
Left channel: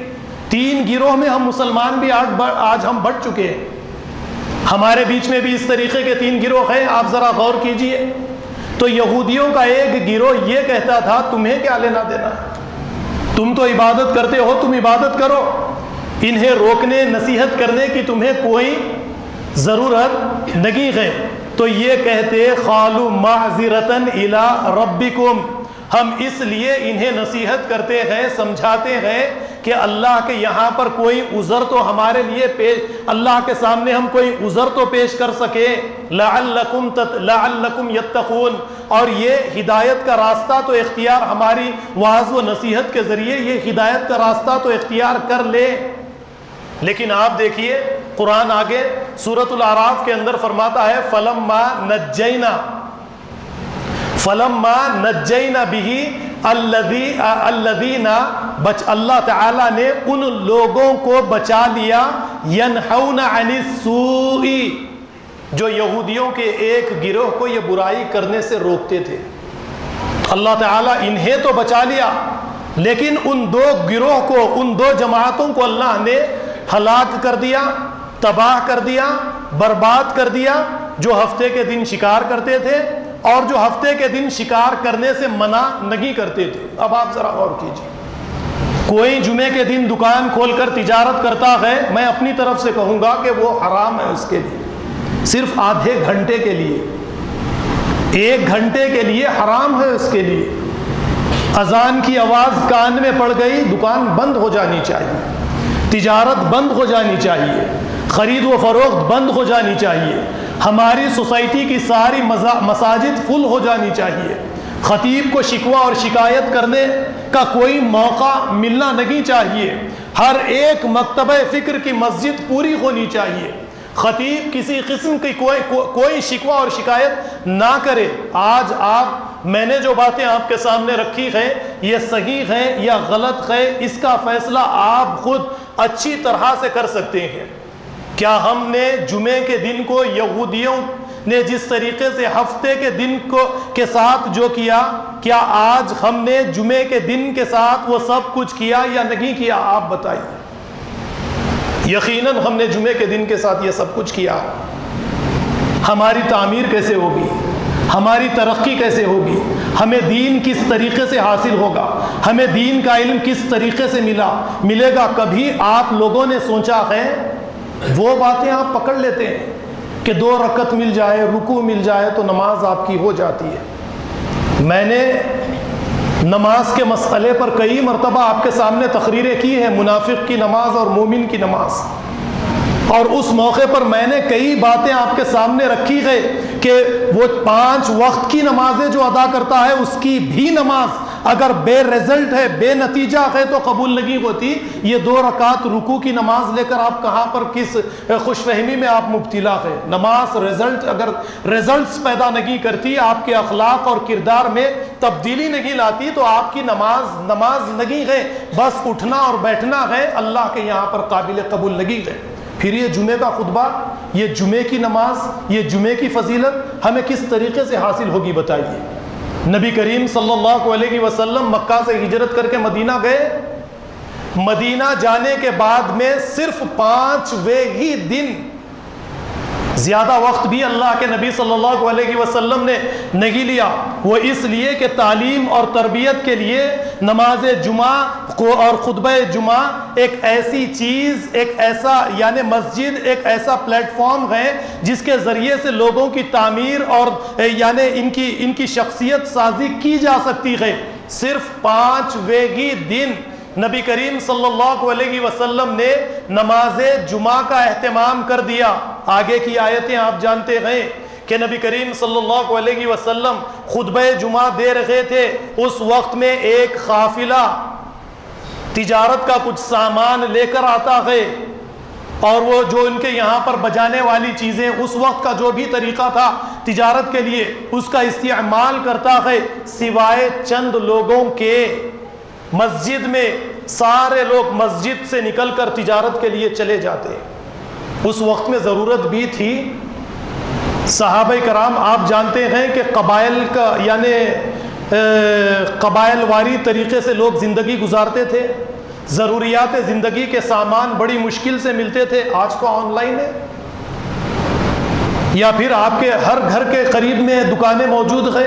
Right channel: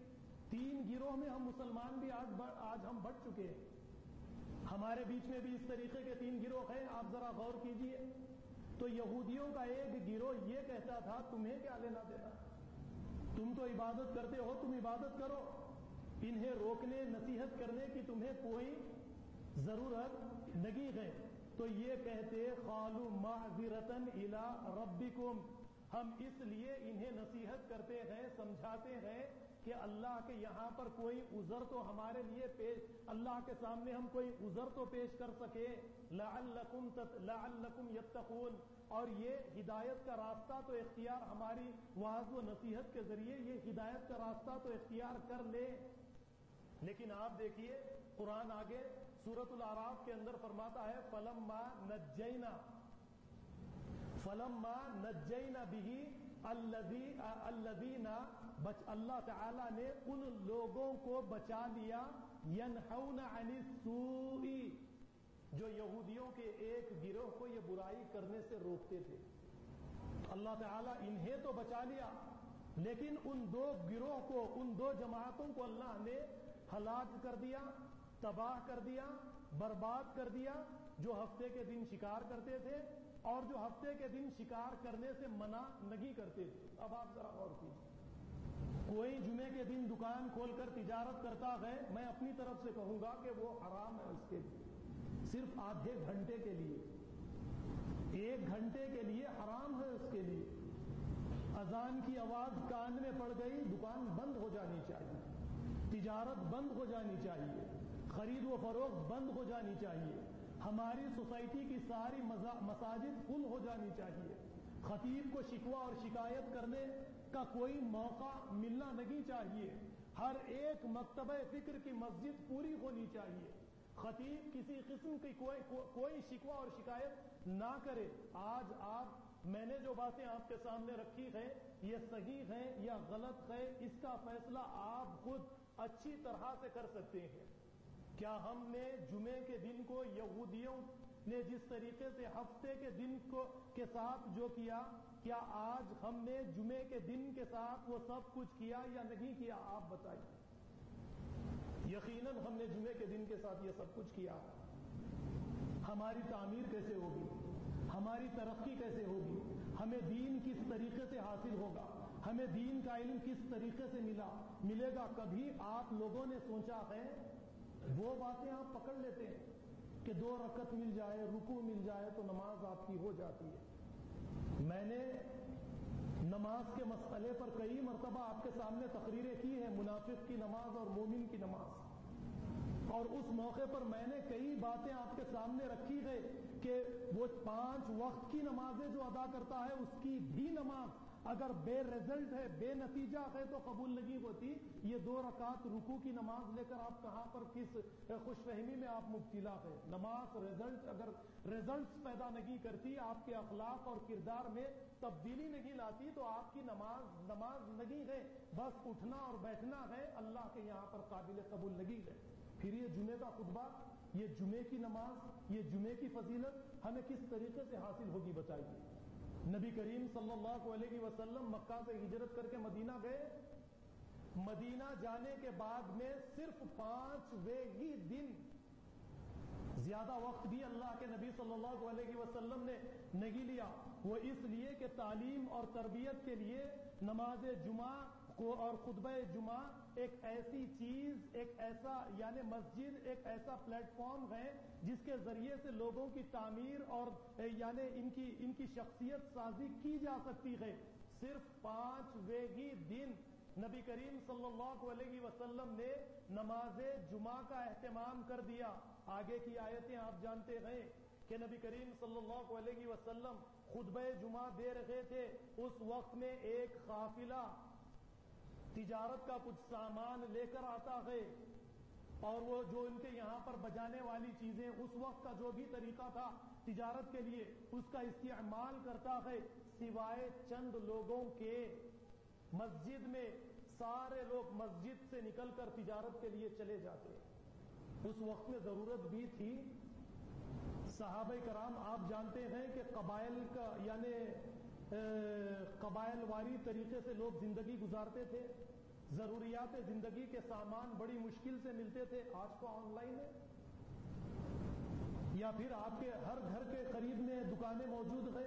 3 گروہ میں ہم مسلمان بھی آج ہم بٹ چکے ہیں. ہمارے بیچ میں بھی اس طریقے کے 3 گروہ ہیں، آپ ذرا غور کیجئے۔ تو یہودیوں کا ایک گروہ یہ کہتا تھا تمہیں کیا لینا دینا ہے، تم تو عبادت کرتے ہو، تم عبادت کرو، انہیں روکنے نصیحت کرنے کی تمہیں کوئی ضرورت نہیں ہے۔ تو یہ کہتے قالوا معذرۃ الی ربکم، ہم اس لیے انہیں نصیحت کرتے ہیں، سمجھاتے ہیں کہ اللہ کے یہاں پر کوئی عذر تو ہمارے لیے اللہ کے سامنے ہم کوئی عذر تو پیش کر سکے، لعلکم یتقون، اور یہ ہدایت کا راستہ تو اختیار ہماری وعظ و نصیحت کے ذریعے یہ ہدایت کا راستہ تو اختیار کر لے۔ لیکن آپ دیکھیے قرآن آگے سورۃ الاعراف کے اندر فرماتا ہے فلما نجینا بہ الذین، اللہ تعالیٰ نے ان لوگوں کو بچا لیا، ینہون عن السوء، جو یہودیوں کے ایک گروہ کو یہ برائی کرنے سے روکتے تھے۔ اللہ تعالیٰ انہیں تو بچا لیا، لیکن ان 2 گروہ کو، ان 2 جماعتوں کو اللہ نے ہلاک کر دیا، تباہ کر دیا، برباد کر دیا، جو ہفتے کے دن شکار کرتے تھے اور جو ہفتے کے دن شکار کرنے سے منع نہیں کرتے تھے۔ اب آپ ذرا غور کیجیے، کوئی جمعے کے دن دکان کھول کر تجارت کرتا ہے، میں اپنی طرف سے کہوں گا کہ وہ حرام ہے اس کے لیے، صرف آدھے گھنٹے کے لیے، 1 گھنٹے کے لیے حرام ہے اس کے لیے۔ اذان کی آواز کان میں پڑ گئی، دکان بند ہو جانی چاہیے، تجارت بند ہو جانی چاہیے، خرید و فروخت بند ہو جانی چاہیے، ہماری سوسائٹی کی ساری مساجد فل ہو جانی چاہیے، خطیب کو شکوہ اور شکایت کرنے کا کوئی موقع ملنا نہیں چاہیے، ہر ایک مکتبہ فکر کی مسجد پوری ہونی چاہیے، خطیب کسی قسم کی کوئی شکوہ اور شکایت نہ کرے۔ آج میں نے جو باتیں آپ کے سامنے رکھی ہیں یہ صحیح ہیں یا غلط ہے، اس کا فیصلہ آپ خود اچھی طرح سے کر سکتے ہیں۔ کیا ہم نے جمعے کے دن کو یہودیوں نے جس طریقے سے ہفتے کے دن کے ساتھ جو کیا، کیا آج ہم نے جمعے کے دن کے ساتھ وہ سب کچھ کیا یا نہیں کیا؟ آپ بتائیے۔ یقیناً ہم نے جمعے کے دن کے ساتھ یہ سب کچھ کیا۔ ہماری تعمیر کیسے ہوگی؟ ہماری ترقی کیسے ہوگی؟ ہمیں دین کس طریقے سے حاصل ہوگا؟ ہمیں دین کا علم کس طریقے سے ملے گا؟ کبھی آپ لوگوں نے سوچا ہے؟ وہ باتیں آپ پکڑ لیتے ہیں کہ 2 رکعت مل جائے، رکوع مل جائے تو نماز آپ کی ہو جاتی ہے۔ میں نے نماز کے مسئلے پر کئی مرتبہ آپ کے سامنے تقریریں کی ہیں، منافق کی نماز اور مومن کی نماز، اور اس موقع پر میں نے کئی باتیں آپ کے سامنے رکھی ہے کہ وہ 5 وقت کی نمازیں جو ادا کرتا ہے اس کی بھی نماز اگر بے رزلٹ ہے، بے نتیجہ ہے تو قبول نہیں ہوتی۔ یہ 2 رکعت رکوع کی نماز لے کر آپ کہاں پر کس خوش فہمی میں آپ مبتلا ہے؟ نماز اگر رزلٹس پیدا نہیں کرتی، آپ کے اخلاق اور کردار میں تبدیلی نہیں لاتی تو آپ کی نماز نہیں ہے، بس اٹھنا اور بیٹھنا ہے، اللہ کے یہاں پر قابل قبول نہیں ہے۔ پھر یہ جمعے کا خطبہ، یہ جمعے کی نماز، یہ جمعے کی فضیلت ہمیں کس طریقے سے حاصل ہوگی بتائیے؟ نبی کریم صلی اللہ علیہ وسلم مکہ سے ہجرت کر کے مدینہ گئے، مدینہ جانے کے بعد میں صرف 5ویں ہی دن، زیادہ وقت بھی اللہ کے نبی صلی اللہ علیہ وسلم نے نہیں لیا، وہ اس لیے کہ تعلیم اور تربیت کے لیے نماز جمعہ اور خطبہ جمعہ ایک ایسی چیز، ایک ایسا یعنی مسجد ایک ایسا پلیٹ فارم ہے جس کے ذریعے سے لوگوں کی تعمیر اور یعنی ان کی شخصیت سازی کی جا سکتی ہے۔ صرف 5ویں ہی دن نبی کریم صلی اللہ علیہ وسلم نے نماز جمعہ کا اہتمام کر دیا۔ آگے کی آیتیں آپ جانتے ہیں کہ نبی کریم صلی اللہ علیہ وسلم خطبہ جمعہ دے رہے تھے، اس وقت میں ایک قافلہ تجارت کا کچھ سامان لے کر آتا ہے، اور وہ جو ان کے یہاں پر بجانے والی چیزیں اس وقت کا جو بھی طریقہ تھا تجارت کے لیے اس کا استعمال کرتا ہے، سوائے چند لوگوں کے مسجد میں سارے لوگ مسجد سے نکل کر تجارت کے لیے چلے جاتے۔ اس وقت میں ضرورت بھی تھی، صحابہ کرام آپ جانتے ہیں کہ قبائل کا یعنی قبائل واری طریقے سے لوگ زندگی گزارتے تھے، ضروریات زندگی کے سامان بڑی مشکل سے ملتے تھے۔ آج تو آن لائن ہے، یا پھر آپ کے ہر گھر کے قریب میں دکانیں موجود ہیں.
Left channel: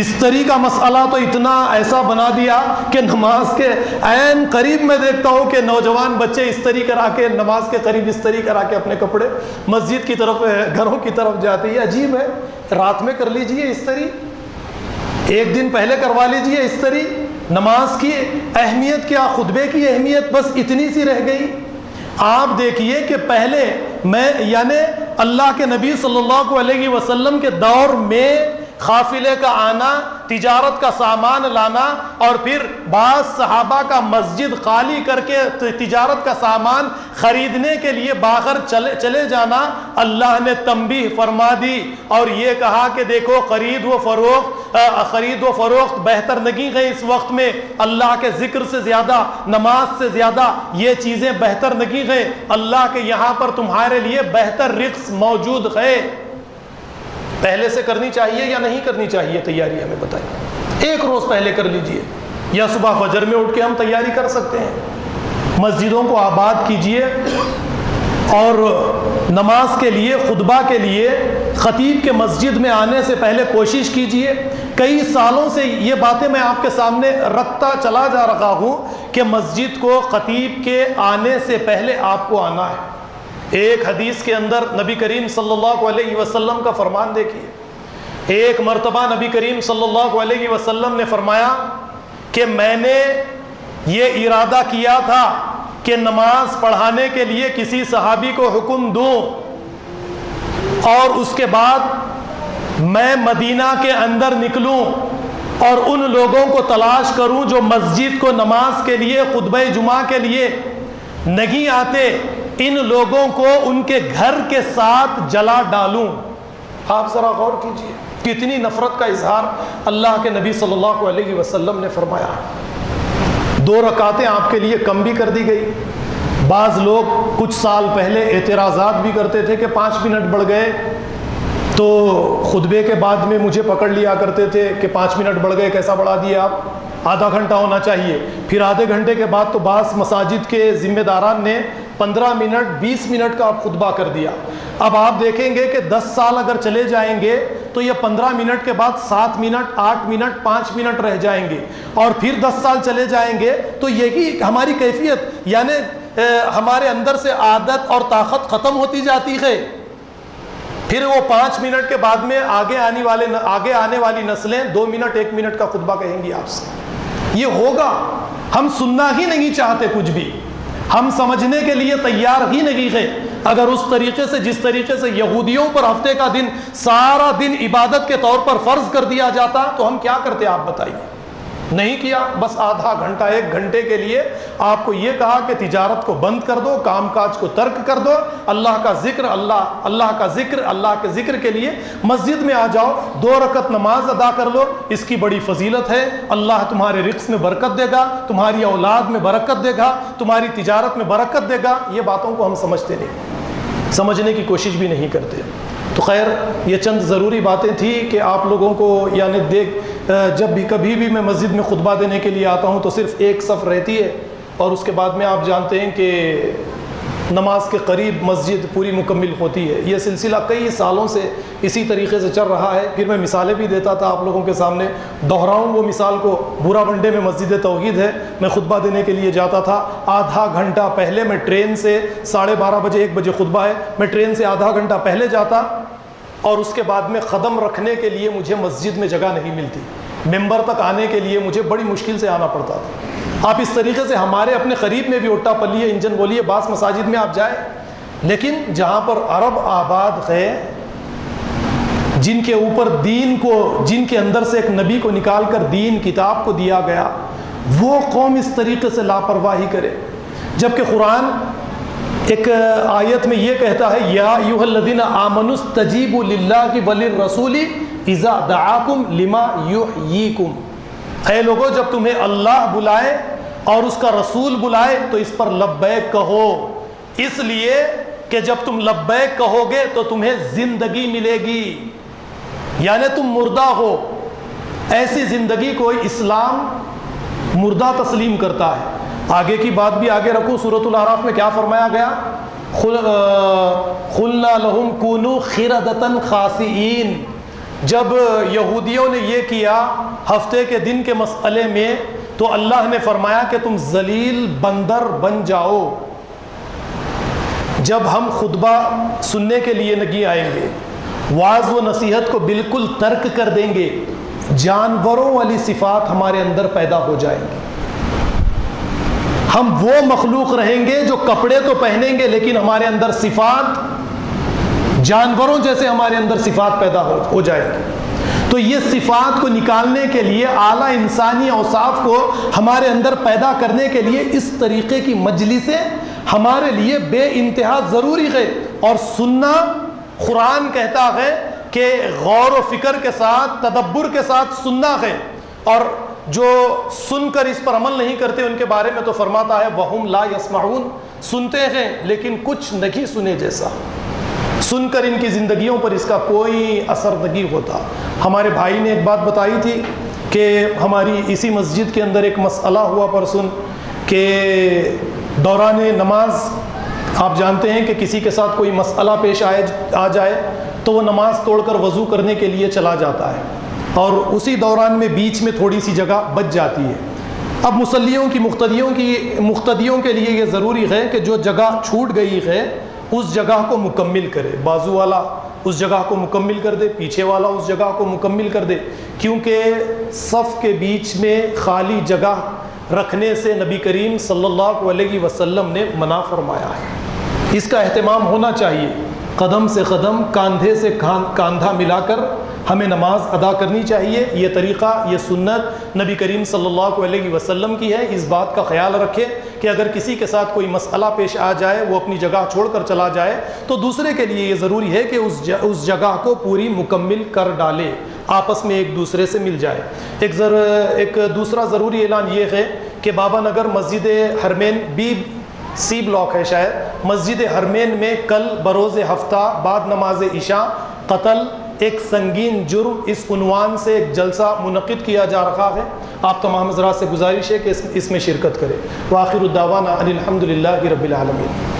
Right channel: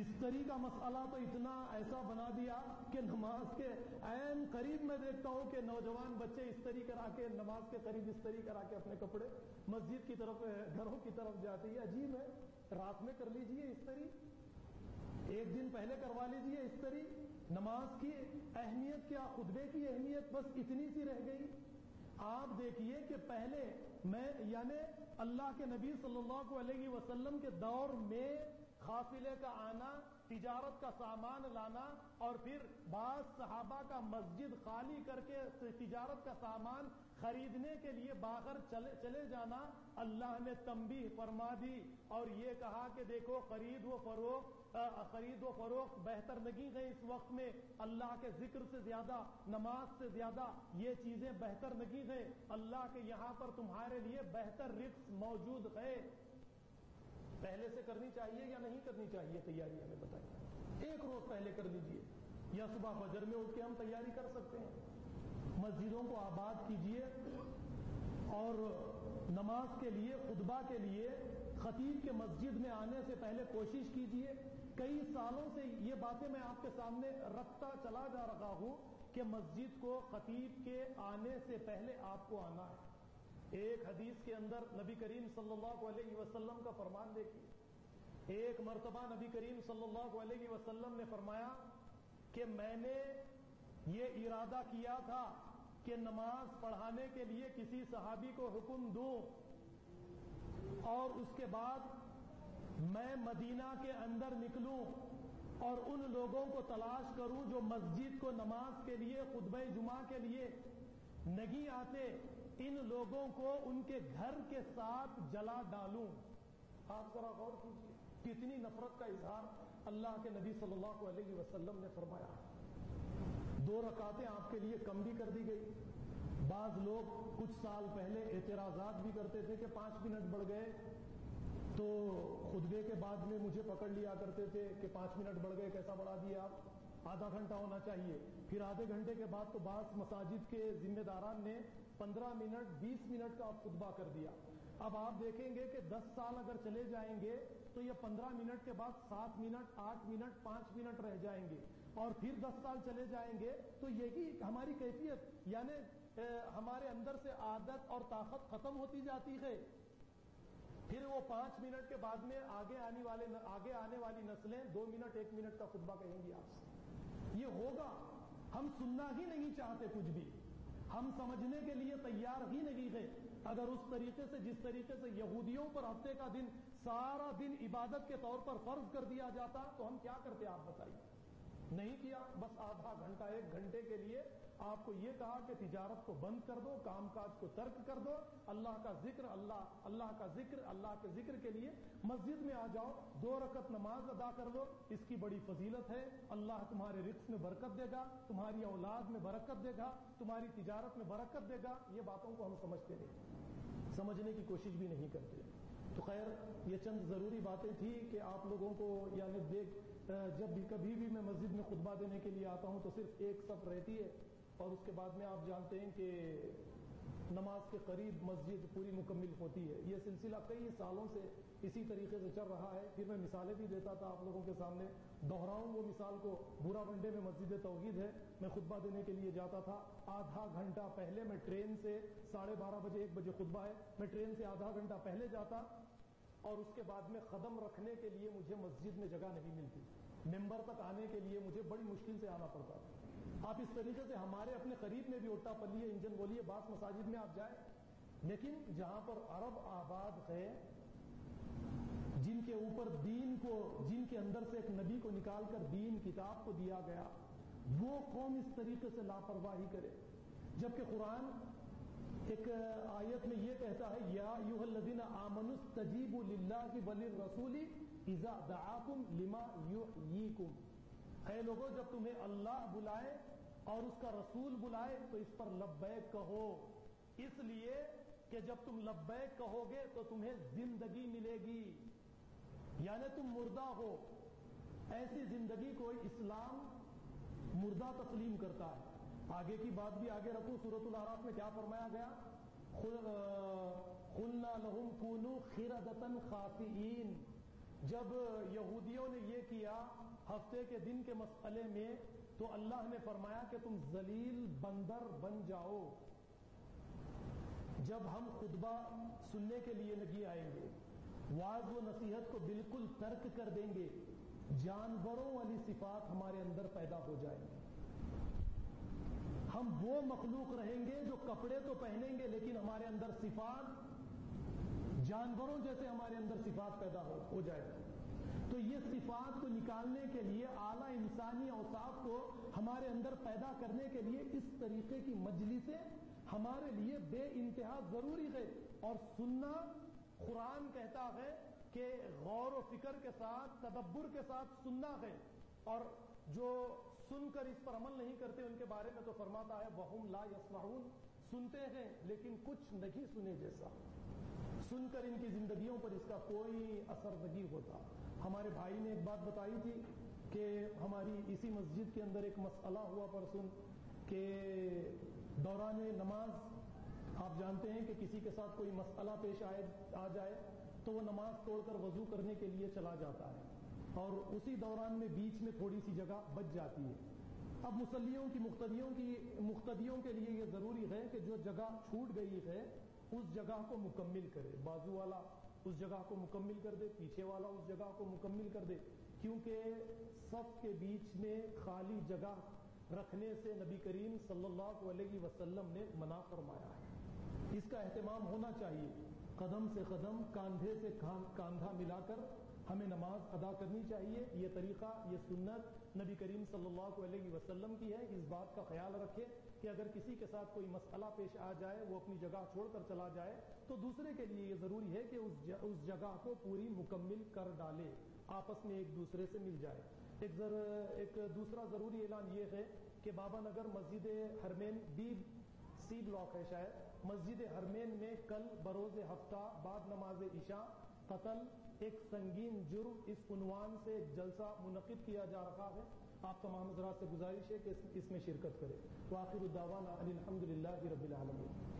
استری کا مسئلہ تو اتنا ایسا بنا دیا کہ نماز کے عین قریب میں دیکھتا ہوں کہ نوجوان بچے استری کرا کے نماز کے قریب استری کرا کے اپنے کپڑے مسجد کی طرف گھروں کی طرف جاتے ہیں. عجیب ہے. رات میں کر لیجئے استری, ایک دن پہلے کروا لیجئے استری. نماز کی اہمیت کیا, خطبے کی اہمیت بس اتنی سی رہ گئی. آپ دیکھیے کہ پہلے میں یعنی اللہ کے نبی صلی اللہ علیہ وسلم کے دور میں قافلے کا آنا, تجارت کا سامان لانا, اور پھر بعض صحابہ کا مسجد خالی کر کے تجارت کا سامان خریدنے کے لیے باہر چلے جانا, اللہ نے تنبیہ فرما دی اور یہ کہا کہ دیکھو خرید و فروخت بہتر نہیں ہے اس وقت میں. اللہ کے ذکر سے زیادہ, نماز سے زیادہ یہ چیزیں بہتر نہیں ہے. اللہ کے یہاں پر تمہارے لیے بہتر رزق موجود ہے. پہلے سے کرنی چاہیے یا نہیں کرنی چاہیے تیاری ہمیں بتائیں. ایک روز پہلے کر لیجئے, یا صبح فجر میں اٹھ کے ہم تیاری کر سکتے ہیں. مسجدوں کو آباد کیجئے اور نماز کے لیے, خطبہ کے لیے خطیب کے مسجد میں آنے سے پہلے کوشش کیجئے. کئی سالوں سے یہ باتیں میں آپ کے سامنے رکھتا چلا جا رہا ہوں کہ مسجد کو خطیب کے آنے سے پہلے آپ کو آنا ہے. ایک حدیث کے اندر نبی کریم صلی اللہ علیہ وسلم کا فرمان دیکھیے. ایک مرتبہ نبی کریم صلی اللہ علیہ وسلم نے فرمایا کہ میں نے یہ ارادہ کیا تھا کہ نماز پڑھانے کے لیے کسی صحابی کو حکم دوں اور اس کے بعد میں مدینہ کے اندر نکلوں اور ان لوگوں کو تلاش کروں جو مسجد کو نماز کے لیے, خطبہ جمعہ کے لیے نہیں آتے. ان لوگوں کو ان کے گھر کے ساتھ جلا ڈالوں. آپ ذرا غور کیجئے کتنی نفرت کا اظہار اللہ کے نبی صلی اللہ علیہ وسلم نے فرمایا. 2 رکعتیں آپ کے لیے کم بھی کر دی گئی. بعض لوگ کچھ سال پہلے اعتراضات بھی کرتے تھے کہ 5 منٹ بڑھ گئے, تو خطبے کے بعد میں مجھے پکڑ لیا کرتے تھے کہ 5 منٹ بڑھ گئے, کیسا بڑھا دیا آپ, آدھا گھنٹہ ہونا چاہیے. پھر آدھے گھنٹے کے بعد تو بعض مساجد کے ذمہ داران نے 15 منٹ 20 منٹ کا خطبہ کر دیا. اب آپ دیکھیں گے کہ 10 سال اگر چلے جائیں گے تو یہ 15 منٹ کے بعد 7 منٹ 8 منٹ 5 منٹ رہ جائیں گے, اور پھر 10 سال چلے جائیں گے تو یہی ہماری کیفیت, یعنی ہمارے اندر سے عادت اور طاقت ختم ہوتی جاتی ہے. پھر وہ 5 منٹ کے بعد میں آگے آنے والی نسلیں 2 منٹ 1 منٹ کا خطبہ کہیں گی آپ سے. یہ ہوگا, ہم سننا ہی نہیں چاہتے کچھ بھی, ہم سمجھنے کے لیے تیار ہی نہیں ہے. اگر اس طریقے سے جس طریقے سے یہودیوں پر ہفتے کا دن سارا دن عبادت کے طور پر فرض کر دیا جاتا تو ہم کیا کرتے آپ بتائیے. نہیں کیا, بس آدھا گھنٹہ 1 گھنٹے کے لیے آپ کو یہ کہا کہ تجارت کو بند کر دو, کام کاج کو ترک کر دو, اللہ کا ذکر اللہ کے ذکر کے لیے مسجد میں آ جاؤ, 2 رکعت نماز ادا کر لو. اس کی بڑی فضیلت ہے. اللہ تمہارے رزق میں برکت دے گا, تمہاری اولاد میں برکت دے گا, تمہاری تجارت میں برکت دے گا. یہ باتوں کو ہم سمجھتے نہیں, سمجھنے کی کوشش بھی نہیں کرتے. تو خیر, یہ چند ضروری باتیں تھیں کہ آپ لوگوں کو یعنی جب بھی کبھی بھی میں مسجد میں خطبہ دینے کے لیے آتا ہوں تو صرف ایک صف رہتی ہے, اور اس کے بعد میں آپ جانتے ہیں کہ نماز کے قریب مسجد پوری مکمل ہوتی ہے. یہ سلسلہ کئی سالوں سے اسی طریقے سے چل رہا ہے. پھر میں مثالیں بھی دیتا تھا آپ لوگوں کے سامنے, دہراؤں وہ مثال کو. بورا بنڈے میں مسجد توحید ہے, میں خطبہ دینے کے لیے جاتا تھا. آدھا گھنٹہ پہلے میں ٹرین سے 12:30 بجے 1 بجے خطبہ ہے, میں ٹرین سے آدھا گھنٹہ پہلے جاتا, اور اس کے بعد میں قدم رکھنے کے لیے مجھے مسجد میں جگہ نہیں ملتی. ممبر تک آنے کے لیے مجھے بڑی مشکل سے آنا پڑتا تھا. آپ اس طریقے سے ہمارے اپنے قریب میں بھی اٹا پلیے, انجن بولیے, بعض مساجد میں آپ جائیں, لیکن جہاں پر عرب آباد ہے, جن کے اوپر دین کو, جن کے اندر سے ایک نبی کو نکال کر دین کتاب کو دیا گیا, وہ قوم اس طریقے سے لاپرواہی کرے. جبکہ قرآن ایک آیت میں یہ کہتا ہے, یا ایھا الذین آمنوا استجیبوا للہ وللرسول اذا دعاکم لما یحییکم. اے لوگو, جب تمہیں اللہ بلائے اور اس کا رسول بلائے تو اس پر لبیک کہو, اس لیے کہ جب تم لبیک کہو گے تو تمہیں زندگی ملے گی, یعنی تم مردہ ہو. ایسی زندگی کو اسلام مردہ تسلیم کرتا ہے. آگے کی بات بھی آگے رکھوں, سورۃ الاعراف میں کیا فرمایا گیا قلنا لهم كونوا قردة خاسئین، جب یہودیوں نے یہ کیا ہفتے کے دن کے مسئلے میں تو اللہ نے فرمایا کہ تم ذلیل بندر بن جاؤ۔ جب ہم خطبہ سننے کے لیے نہیں آئیں گے، وعظ و نصیحت کو بالکل ترک کر دیں گے، جانوروں والی صفات ہمارے اندر پیدا ہو جائیں گی۔ ہم وہ مخلوق رہیں گے جو کپڑے تو پہنیں گے لیکن ہمارے اندر صفات جانوروں جیسے ہمارے اندر صفات پیدا ہو جائیں گی۔ تو یہ صفات کو نکالنے کے لیے، اعلیٰ انسانی اوصاف کو ہمارے اندر پیدا کرنے کے لیے اس طریقے کی مجلسیں ہمارے لیے بے انتہا ضروری ہے۔ اور سننا، قرآن کہتا ہے کہ غور و فکر کے ساتھ، تدبر کے ساتھ سننا ہے، اور جو سن کر اس پر عمل نہیں کرتے ان کے بارے میں تو فرماتا ہے وَهُمْ لَا يَسْمَعُونَ، سنتے ہیں لیکن کچھ نہیں سنے جیسا، سن کر ان کی زندگیوں پر اس کا کوئی اثر نہیں ہوتا۔ ہمارے بھائی نے ایک بات بتائی تھی کہ ہماری اسی مسجد کے اندر ایک مسئلہ ہوا پرسن کہ دوران نماز آپ جانتے ہیں کہ کسی کے ساتھ کوئی مسئلہ پیش آ جائے تو وہ نماز توڑ کر وضو کرنے کے لیے چلا جاتا ہے، اور اسی دوران میں بیچ میں تھوڑی سی جگہ بچ جاتی ہے۔ اب مصلیوں کی مقتدیوں کے لیے یہ ضروری ہے کہ جو جگہ چھوٹ گئی ہے اس جگہ کو مکمل کرے، بازو والا اس جگہ کو مکمل کر دے، پیچھے والا اس جگہ کو مکمل کر دے، کیونکہ صف کے بیچ میں خالی جگہ رکھنے سے نبی کریم صلی اللہ علیہ وسلم نے منع فرمایا ہے۔ اس کا اہتمام ہونا چاہیے، قدم سے قدم، کاندھے سے کاندھا ملا کر ہمیں نماز ادا کرنی چاہیے۔ یہ طریقہ، یہ سنت نبی کریم صلی اللہ علیہ وسلم کی ہے۔ اس بات کا خیال رکھے کہ اگر کسی کے ساتھ کوئی مسئلہ پیش آ جائے، وہ اپنی جگہ چھوڑ کر چلا جائے تو دوسرے کے لیے یہ ضروری ہے کہ اس جگہ کو پوری مکمل کر ڈالے، آپس میں ایک دوسرے سے مل جائے۔ ایک دوسرا ضروری اعلان یہ ہے کہ بابا نگر مسجد حرمین سی بلاک ہے شاید، مسجد حرمین میں کل بروز ہفتہ بعد نماز عشاء قتل ایک سنگین جرم اس عنوان سے ایک جلسہ منعقد کیا جا رہا ہے۔ آپ تمام حضرات سے گزارش ہے کہ اس میں شرکت کریں۔ وآخر الدعوانا ان الحمد للہ رب العالمین۔